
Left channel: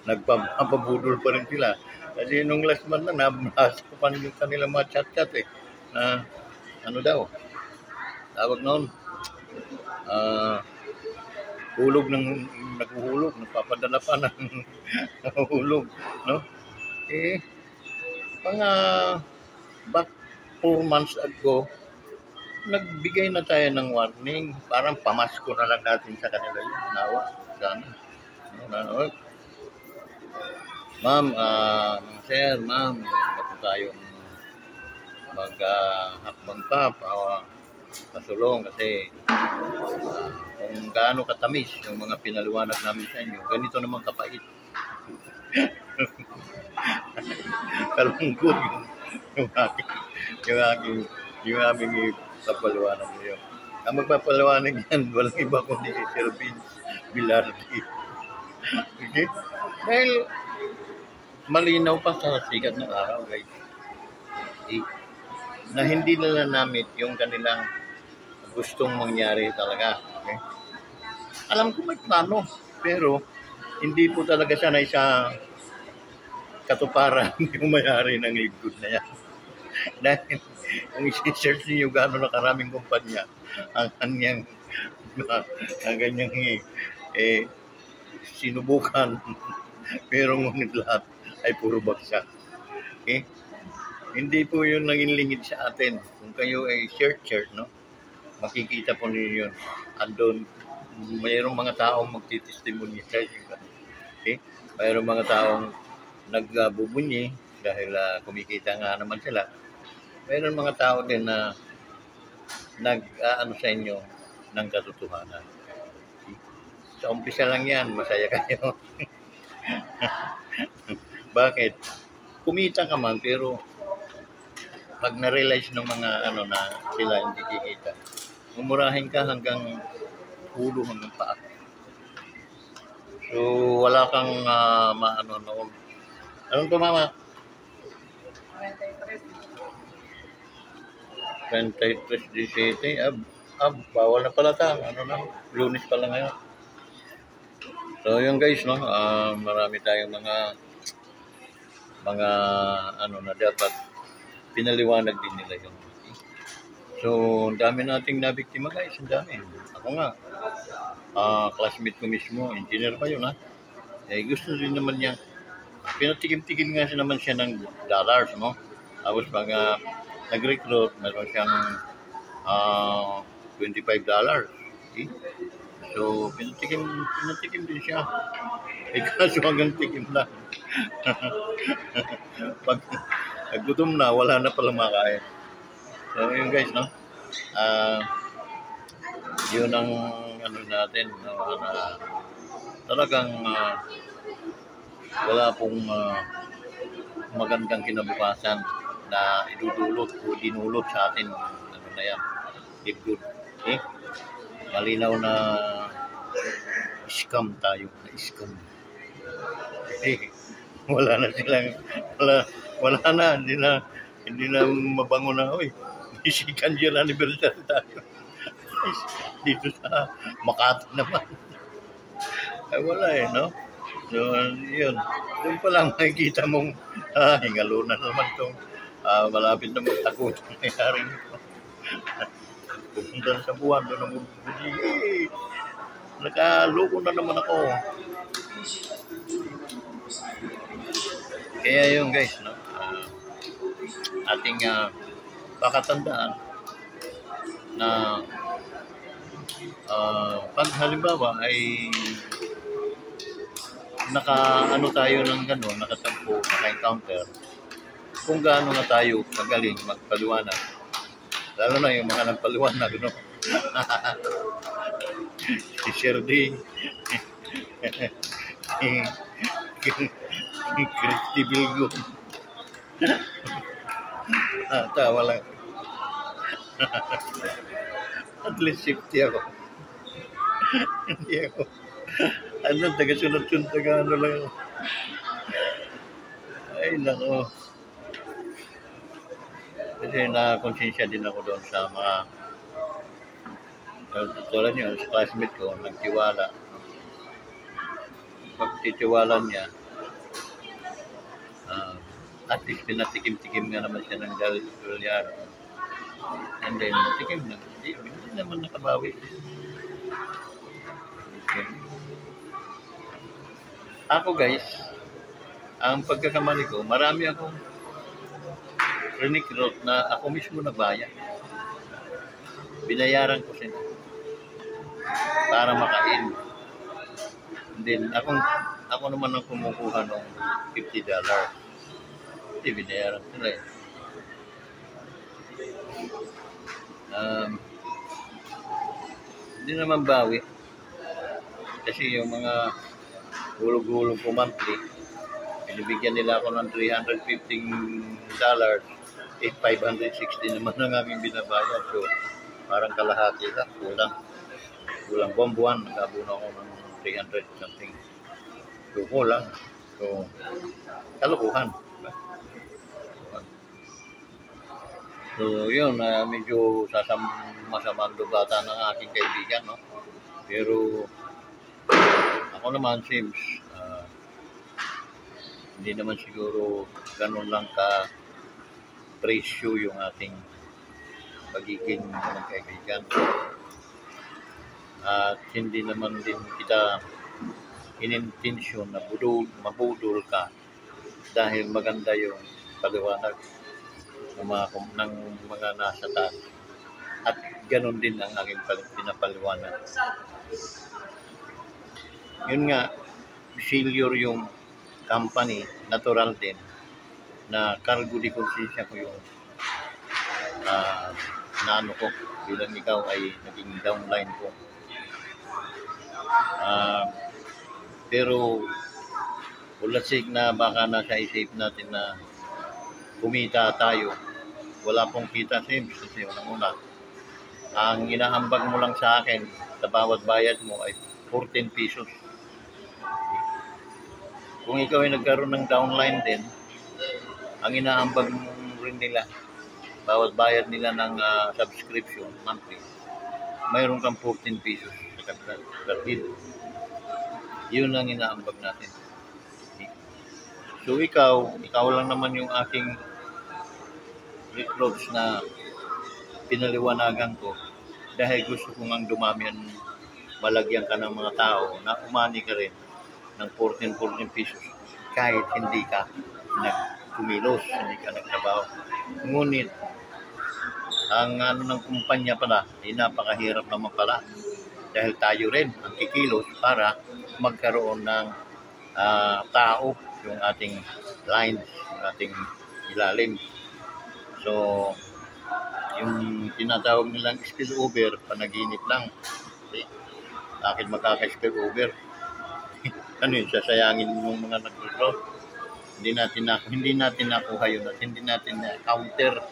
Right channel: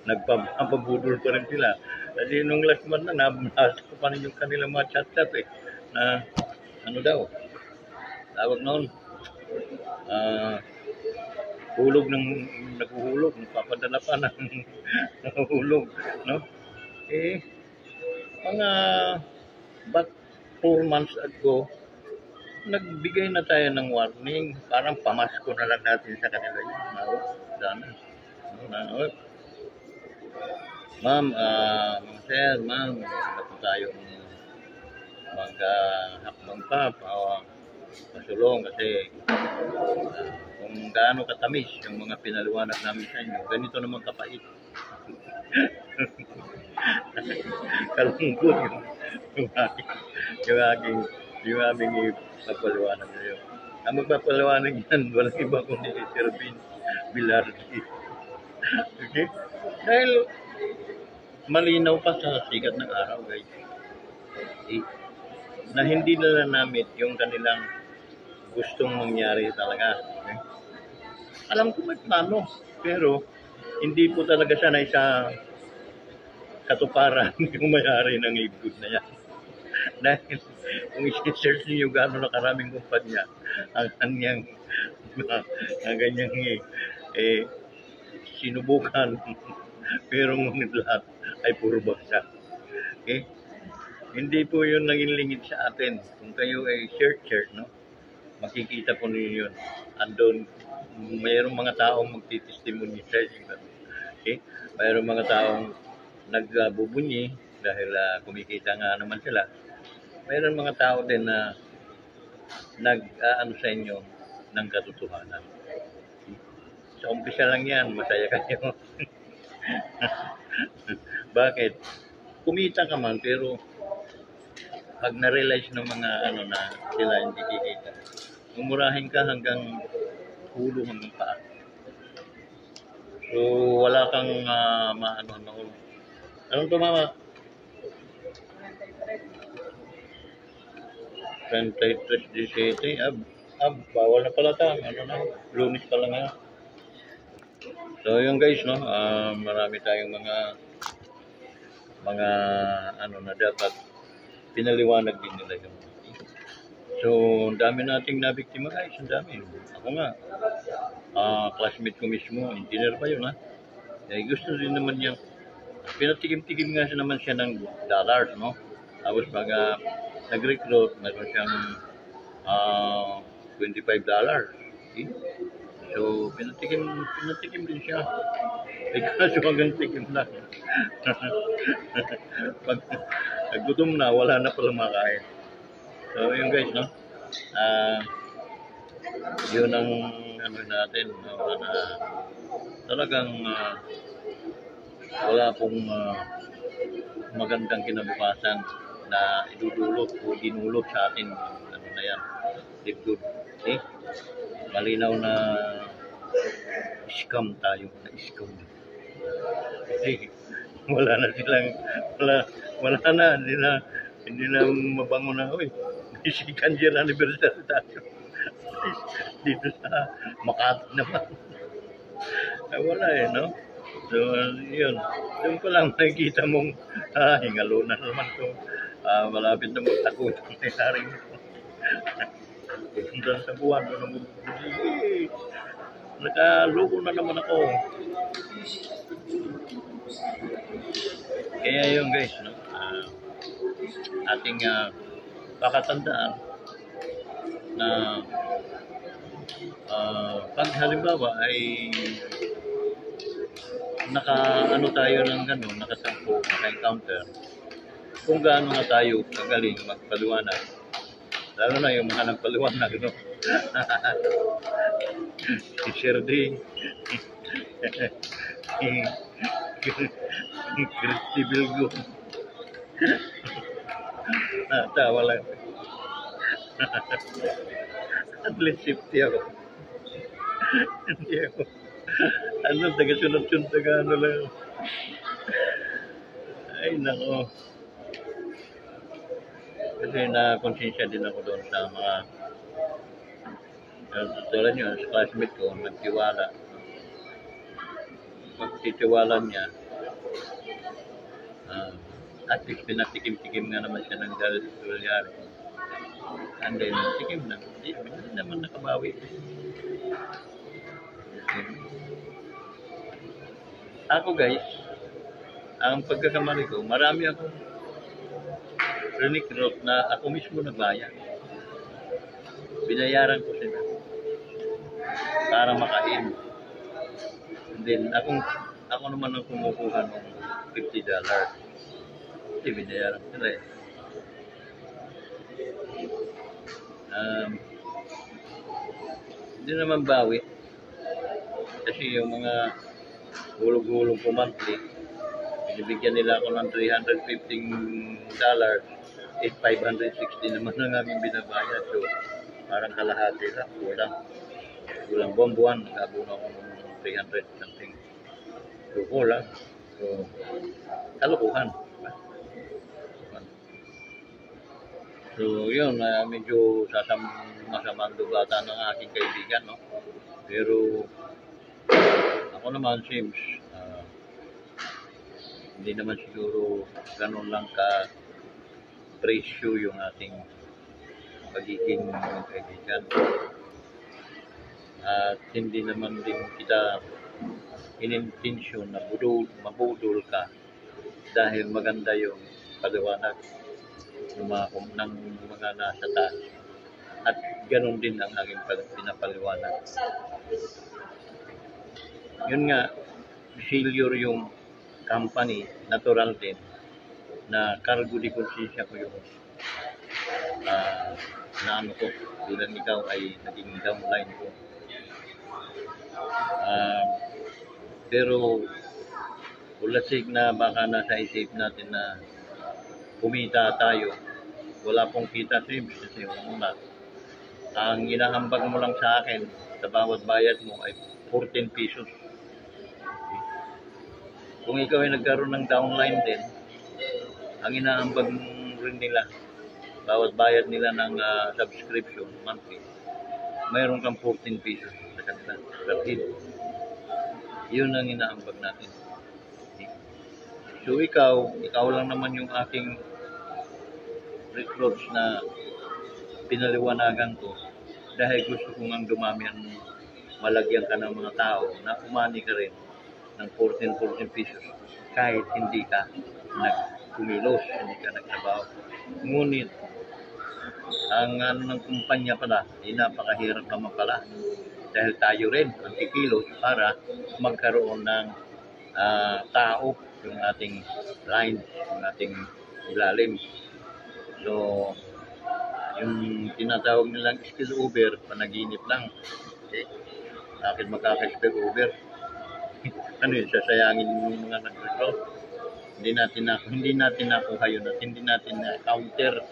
nagpapabudol pa rin sila. Kasi nung last month na, nabasa ko pa rin yung kanilang mga chat-chat na ano daw, tawag noon, naguhulog, nagpapadala pa ng hulog, no? Mga back 4 months ago, nagbigay na tayo ng warning, parang pamasko na lang natin sa kanila yun. Nawa, sana. Ma'am, sir, ma'am, na po tayong maghakbang pa pasulong kasi kung gaano katamis yung mga pinaliwanag namin sa inyo, ganito naman kapait. Kalungkot yung aking, yung aking, yung aming ipapaliwanag sa iyo. Ang magpapaliwanag yan, walang iba kundi si Sir Vince Villardi. Okay? Dahil malinaw pa sa sikat ng araw, guys. Na hindi nila namit yung kanilang gustong mangyari talaga. Okay? Alam ko may plano, pero hindi po talaga siya na isa katuparan yung may-ari ng Live Good na yan. Dahil kung isi-search niyo gano'n na karaming kumpanya ang kanyang ang kanyang sinubukan pero ngunit lahat ay puro bagsak. Okay? Hindi po yun naging lingid sa atin. Kung kayo ay search, no? Makikita po niyo yun. Andun, mayroong mga taong magtitestimony sa inyo. Okay? Mayroong mga taong nagbubunyi dahil kumikita nga naman sila. Mayroon mga tao din na nag-ano sa inyo ng katotohanan. Sa umpisa lang yan, masaya kayo. Bakit? Kumita ka man, pero pag na-realize ng mga ano na sila hindi kikita, umurahin ka hanggang ulo hanggang paa. So, wala kang maano noon. Anong to, mama? 23:17. Bawal na pala ta. Ano na? Lunes pala ngayon. So, yun guys, no? Marami tayong mga ano na dapat pinaliwanag din nila yung. So, ang dami nating nabiktima guys. Ang dami. Ako nga. Classmate ko mismo. Engineer pa yun, ha? Gusto rin naman niya. Pinatikim-tikim nga siya naman siya ng dollars, no? Tapos pag nag-recruit, meron siyang $25. Okay? So, pinatikim din siya. Kaso hanggang tikim lang. Pag nagutom na, wala na palang makain. So, yun guys, no? Yun ang ano natin, no? Talagang wala pong magandang kinabukasan na idudulot o dinulot sa atin. Ano na yan? Live Good. Okay? Malinaw na scam tayo. Na-scam. Okay? Wala na silang, wala na. Hindi na mabango na, oy, may second year anniversary tayo. Dito sa Makati naman. Ay, wala no? So, yun. Doon pa lang makikita mong, hingalo na naman itong malapit na magtakot ang nayaring ito. Pupunta sa buwan, doon na magbubuji. Nakaloko na naman ako. Kaya yun guys, no? Ating pakatandaan na pag halimbawa ay naka-ano tayo ng gano'n, nakatampo, naka-encounter, kung gaano na tayo magaling magpaliwanag. Lalo na yung mga nagpaliwanag, no? Si Sherdy, Christy Bilgo. Tawa lang. At least safety ako. Hindi ako. Ano, taga-sunod-sunod, taga-ano lang ako. Ay, nako. Kasi na-konsensya din ako doon sa mga tulad nyo, sa classmate ko, nagtiwala. Pagtitiwala niya, at least pinatikim-tikim nga naman siya ng dolyari. And then, tikim na. Hindi naman nakabawi. Okay. Ako guys, ang pagkakamali ko, marami akong recruit na ako mismo nagbayad. Binayaran ko sila para makain. And then, ako naman ang kumukuha ng $50. Hindi, binayaran sila eh. Hindi naman bawi. Kasi yung mga hulog-hulog ko monthly, binibigyan nila ako ng $315, 560 naman ang aming binabayad. So, parang kalahati lang, kulang buwan, nag-abuno ako ng 300 something. So, kulang. So, kalukuhan. So, yun, medyo masamang lubata ng aking kaibigan, no? Pero, ako naman, seems, hindi naman siguro ganun lang ka presyo yung ating pagiging kaibigan. At hindi naman din kita inintensyon na mabudol ka dahil maganda yung paliwanag ng mga nasa taas. At ganun din ang aking pinapaliwanag. Yun nga, failure yung company, natural din, na cargo di konsensya ko yung naano ko bilang ikaw ay naging downline ko. Pero ulasig na baka nasa isip natin na kumita tayo. Wala pong kita, Sims, kasi una, ang inaambag mo lang sa akin sa bawat bayad mo ay 14 pesos. Kung ikaw ay nagkaroon ng downline din, ang inaambag mo rin nila, bawat bayad nila ng subscription monthly, mayroon kang 14 pesos sa kanila per head. Yun ang inaambag natin. So ikaw lang naman yung aking recruits na pinaliwanagan ko dahil gusto kong ang dumami ang malagyan ka ng mga tao na umani ka rin ng 14 pesos kahit hindi ka nagkumilos, hindi ka nagtrabaho. Ngunit ang ng kumpanya pala ay napakahirap naman pala dahil tayo rin ang kikilos para magkaroon ng tao yung ating lines, yung ating ilalim. So, yung tinatawag nilang spillover, panaginip lang. Okay? Bakit magkaka-spillover? Ano yun, sasayangin ng mga nag-recruit? Hindi natin nakuha yun at hindi natin na-counter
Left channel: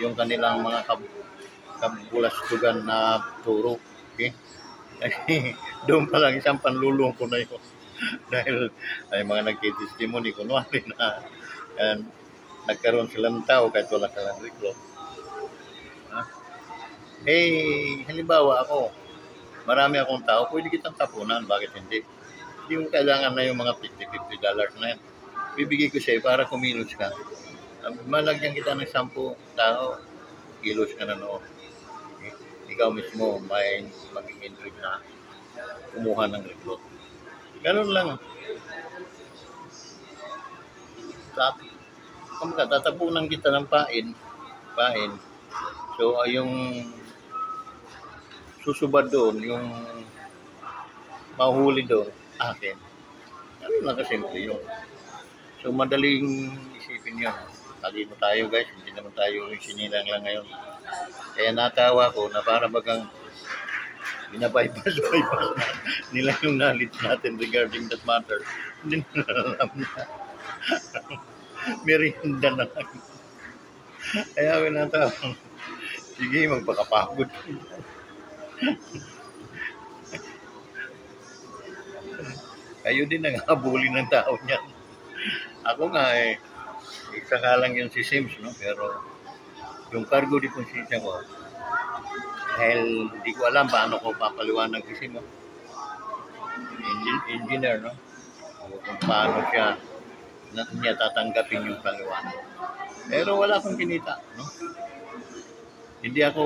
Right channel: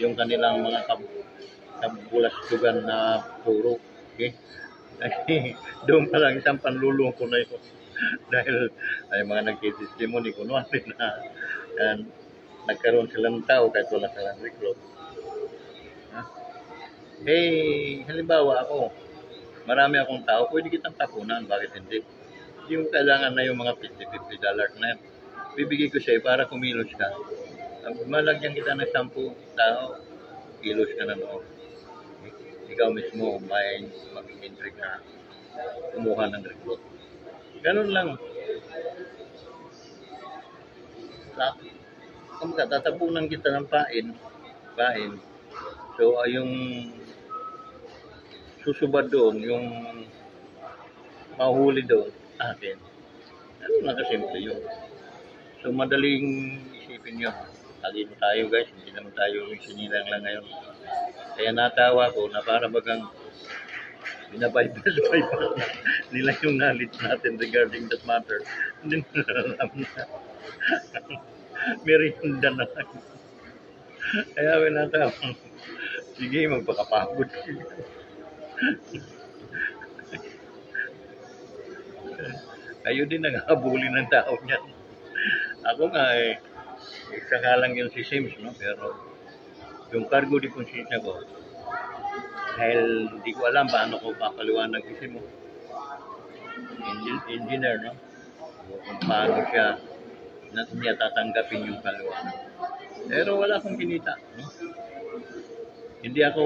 yung kanilang mga kabulastugan na turo. Okay? Kasi doon pa lang isang panlulong ko na yun. Dahil ay mga nagtitestimony ko noon na nagkaroon silang tao kahit wala silang recruit. Halimbawa ako, marami akong tao, pwede kitang tapunan, bakit hindi? Hindi mo kailangan na yung mga $50 na yan. Bibigay ko sa'yo para kumilos ka. Malagyan kita ng 10 tao, kilos ka na noon. Ikaw mismo may magiging trick na kumuha ng recruit. Ganun lang. Kung tatapunan kita ng pain. So, yung susubad doon, yung mahuli doon, akin. Ano lang kasimple yun. So, madaling isipin yun. Talino tayo guys, hindi naman tayo yung sinilang lang ngayon. Kaya natawa ko na para bagang binabypass nila yung knowledge natin regarding that matter. Hindi nila alam na. Merienda na lang. Kaya winatawang, sige, magpakapagod. Kayo din nanghabulin ng tao niyan. Ako nga saka lang yung si Sims, no? Pero yung cargo di konsensya ko, dahil hindi ko alam paano ko papaliwanag kasi mo. Engineer, no? Kung paano niya tatanggapin yung paliwanag. Pero wala akong kinita, no? Hindi ako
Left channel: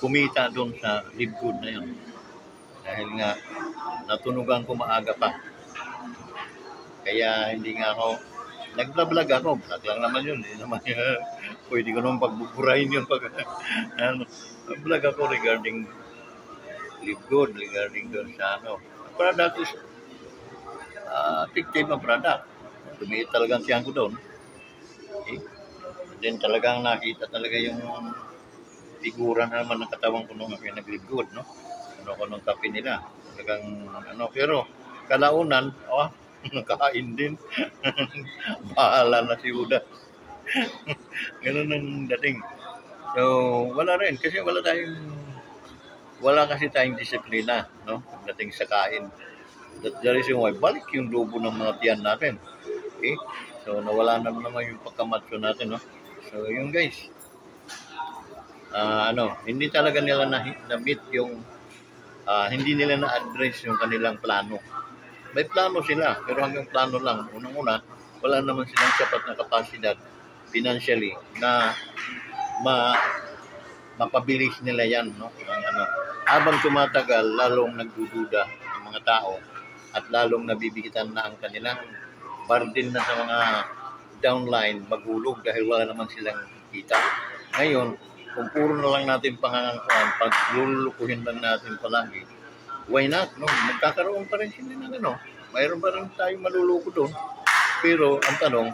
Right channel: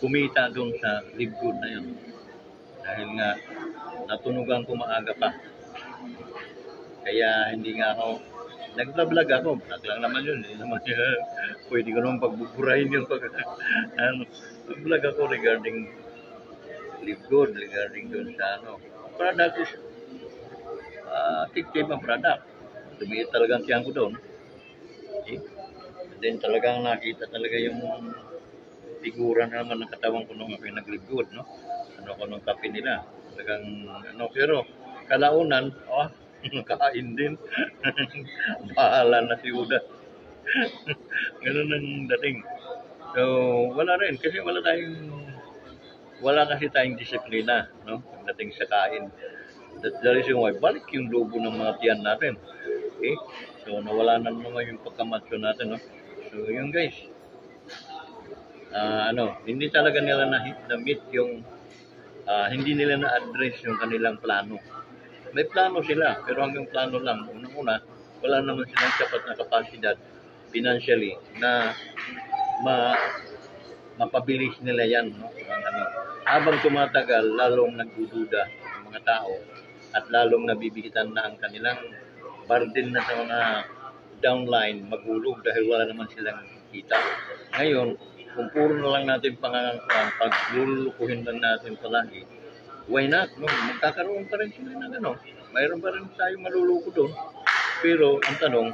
kumita doon sa live good na yun. Dahil nga, natunugan ko maaga pa. Kaya hindi nga ako, nag-vlog ako. Vlog lang naman yun. Hindi naman pwede ko naman pagbuburahin yun. Vlog ako regarding live good, regarding doon sa product is effective ang product. Tumiit talagang siyang ko doon. Okay? And then talagang nakita talaga yung figura na naman ng katawan ko nung ako'y naglingkod, no? Ano ko nung kape nila. Talagang, ano, pero kalaunan, nakain din. Bahala na si Judas. Ganun ang dating. So, wala rin. Kasi wala kasi tayong disiplina, no? Dating sa kain. That's the reason why, balik yung lobo ng mga tiyan natin. Okay? So, nawala na naman yung pagkamatsyo natin, no? So, yun guys. Hindi talaga nila na-meet yung, hindi nila na-address yung kanilang plano. May plano sila, pero hanggang plano lang. Unang-una, wala naman silang sapat na kapasidad financially na mapabilis nila yan, no? Habang tumatagal, lalong nagdududa ang mga tao at lalong nabibigitan na ang kanilang burden na sa mga downline magulog dahil wala naman silang kita. Ngayon, kung puro na lang natin pangangangkuhan, pag lulukuhin lang natin palagi, why not? No? Magkakaroon pa rin sila ng ano. Mayroon pa rin tayo maluluko doon. Pero ang tanong,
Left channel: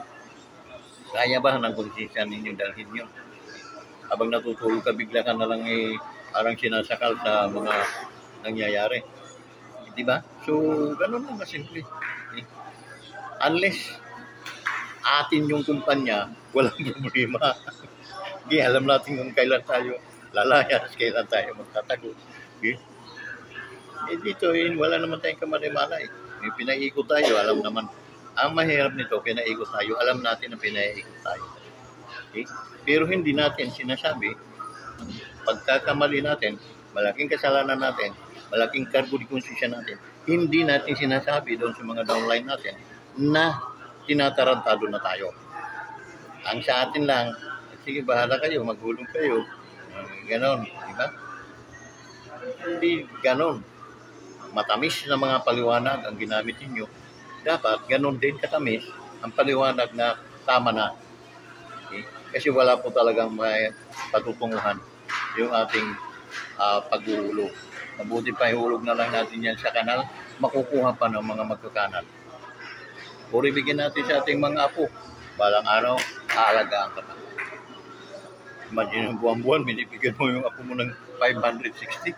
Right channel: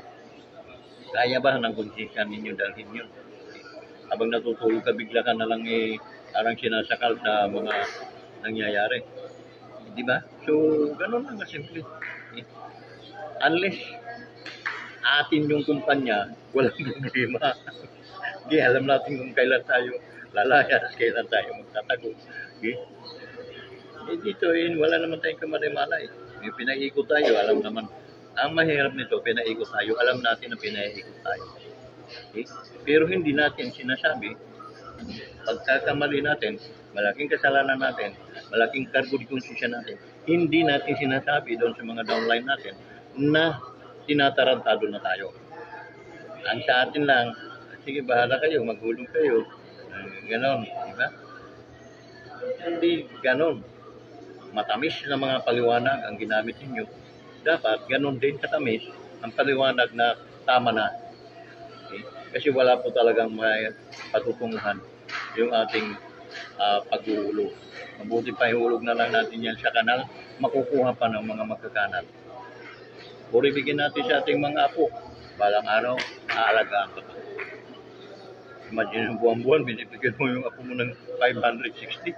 kaya ba ng konsensya ninyo dalhin yun? Habang natutulog ka, bigla ka na lang parang sinasakal sa mga nangyayari. Di ba? So, ganun lang kasimple. Unless atin yung kumpanya, walang problema. Okay, alam natin kung kailan tayo lalayas, kailan tayo magtatago. Okay? Dito, wala naman tayong kamalay-malay. May pinaikot tayo, alam naman. Ang mahirap nito, pinaikot tayo, alam natin na pinaikot tayo. Okay? Pero hindi natin sinasabi, pagkakamali natin, malaking kasalanan natin, malaking kargo di konsensya natin, hindi natin sinasabi doon sa mga downline natin na tinatarantado na tayo. Ang sa atin lang, sige, bahala kayo, maghulong kayo. Ganon, di ba? Hindi ganon. Matamis na mga paliwanag ang ginamit ninyo. Dapat ganon din katamis ang paliwanag na tama na. Okay? Kasi wala po talagang may patutunguhan yung ating paghuhulog. Mabuti pa ihulog na lang natin yan sa kanal, makukuha pa ng mga magkakanal. Puri bigyan natin sa ating mga apo. Balang araw, aalagaan ka pa. Imagine yung buwan-buwan, binibigyan mo yung apo mo ng 560.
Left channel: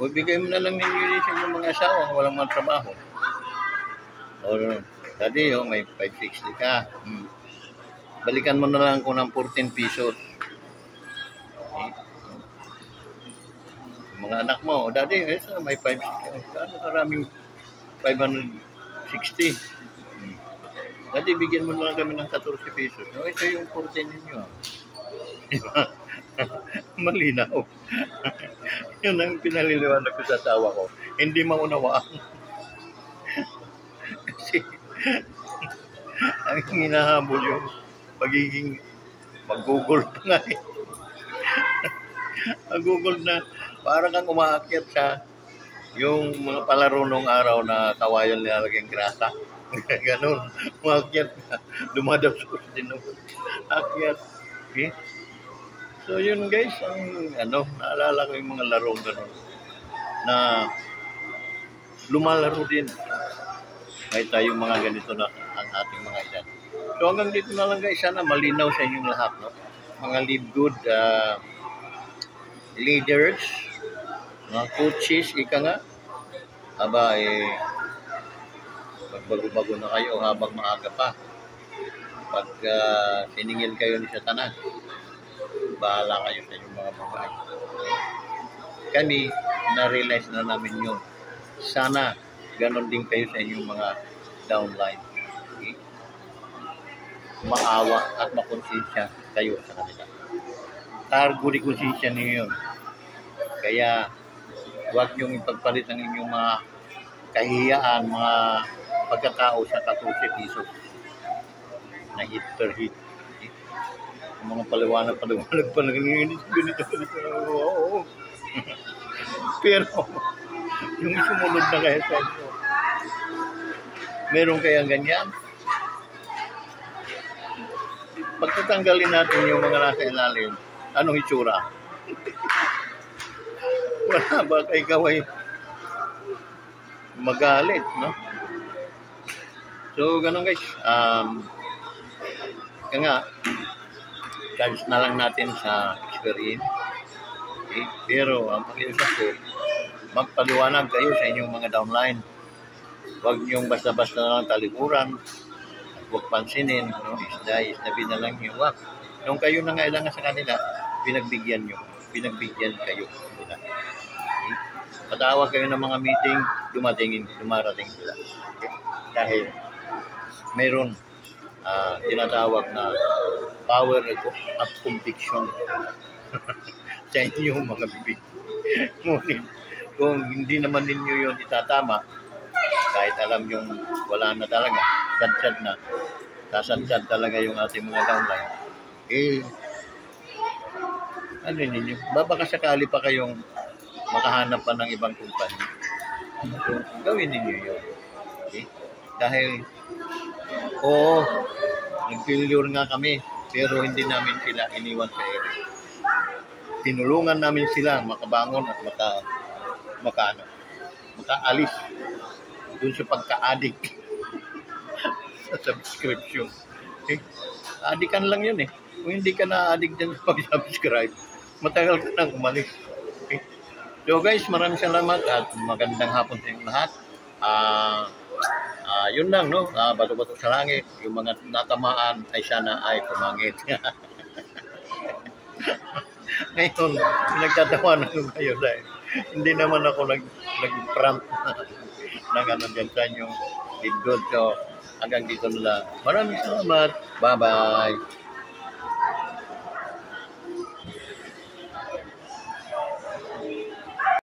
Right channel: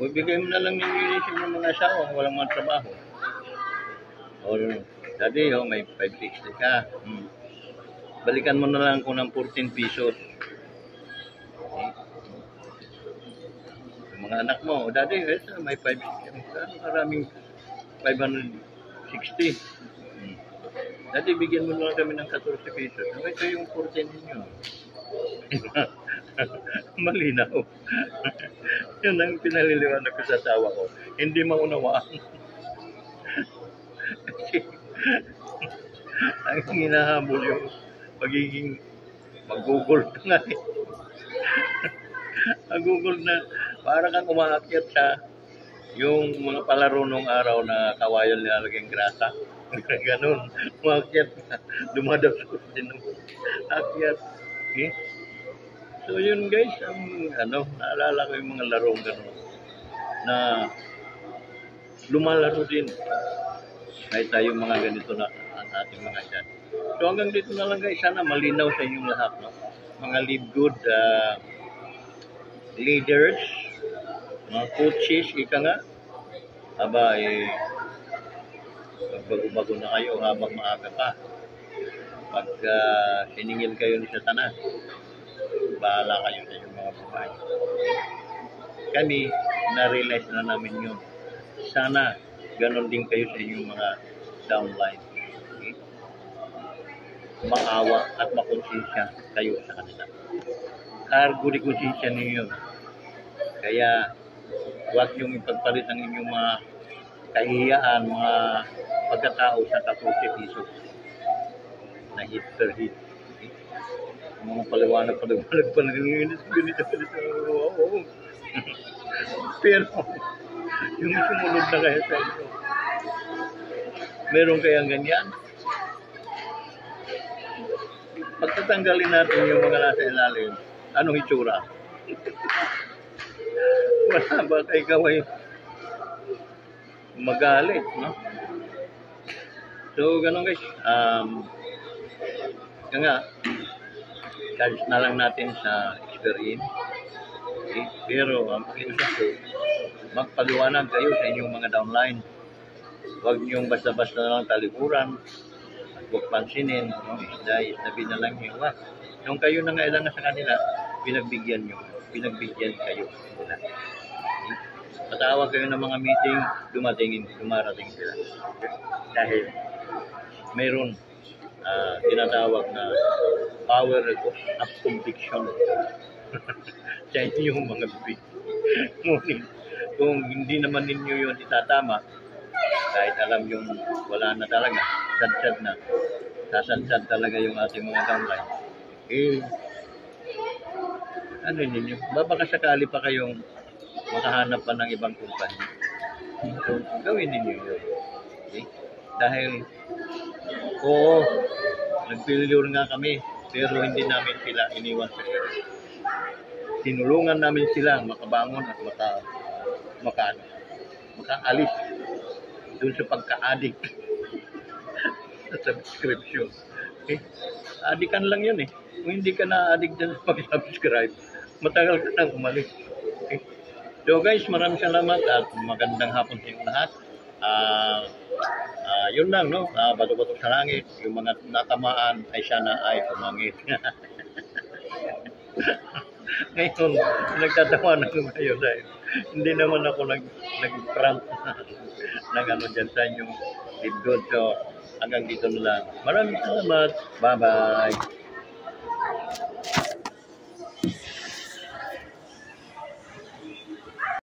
O bigay mo na lang nililisin yung mga asawa, walang mga trabaho. O, dati may 560 ka. Balikan mo na lang ko ng 14 pesos. Yung mga anak mo, dati may 560. Ano karaming 560. Dati bigyan mo na lang kami ng 14 pesos. No, ito yung 14 ninyo. Malinaw. Yun ang pinaliliwanag ko sa tawa ko. Hindi maunawaan. Kasi ang hinahabol yung pagiging mag-google pa nga eh. Mag-google na para kang umaakyat sa yung mga palaro nung araw na kawayan nilalagyan grasa. Ganon, umakyat ka, dumadapsos din naman. Akyat. Okay? So yun guys, ang naalala ko yung mga larong ganon na lumalaro din. May tayong mga ganito na ang ating mga edad. So hanggang dito na lang guys, sana malinaw sa inyong lahat, no? Mga live good leaders, mga coaches, ika nga, bago-bago na kayo habang maaga pa. Pag siningil kayo ni Satanas, bahala kayo sa inyong mga babae. Kami, na-realize na namin yun. Sana, ganon din kayo sa inyong mga downline. Okay? Maawa at makonsensya kayo sa kanila. Cargo di konsensya ninyo. Kaya, huwag niyong ipagpalit ang inyong mga kahiyaan, mga pagkatao sa 14 pesos na hit per hit. Okay? Mga paliwanag pa ganito. Oo. Pero, yung sumunod na kaya sa inyo, meron kayang ganyan? Pagtatanggalin natin yung mga nasa ilalim, anong itsura? Wala ba ikaw ay magalit, no? So, ganun guys. Nga, charge na lang natin sa experience. Okay? Pero ang pakiusap ko, magpaliwanag kayo sa inyong mga downline. Huwag niyong basta-basta lang talikuran. Huwag pansinin. No? Isda na lang niyo. Nung kayo nangailangan sa kanila, pinagbigyan nyo. Pinagbigyan kayo nila. Okay? Patawag kayo ng mga meeting, dumarating sila. Okay? Dahil mayroon tinatawag na power of conviction sa inyong mga bibig. Ngunit kung hindi naman ninyo yun itatama, kahit alam yung wala na talaga, sadsad na, sasadsad talaga yung ating mga downline, ano ninyo, baka sakali pa kayong makahanap pa ng ibang kumpanya. So, gawin ninyo yun. Okay? Dahil, oo, nag-failure nga kami, pero hindi namin sila iniwan sa air. Tinulungan namin sila makabangon at makaalis dun sa pagka-addict sa subscription. Okay? Addikan lang yun eh. Kung hindi ka na-addict dyan sa pag-subscribe, matagal ka nang umalis. Okay? So guys, maraming salamat at magandang hapon sa inyong lahat. Yun lang, no? Bato-bato sa langit. Yung mga natamaan ay sana ay pumangit. Ngayon, nagtatawanan ko kayo dahil hindi naman ako nag-prank ng ano dyan sa inyong good. So, hanggang dito na lang. Maraming salamat. Bye-bye.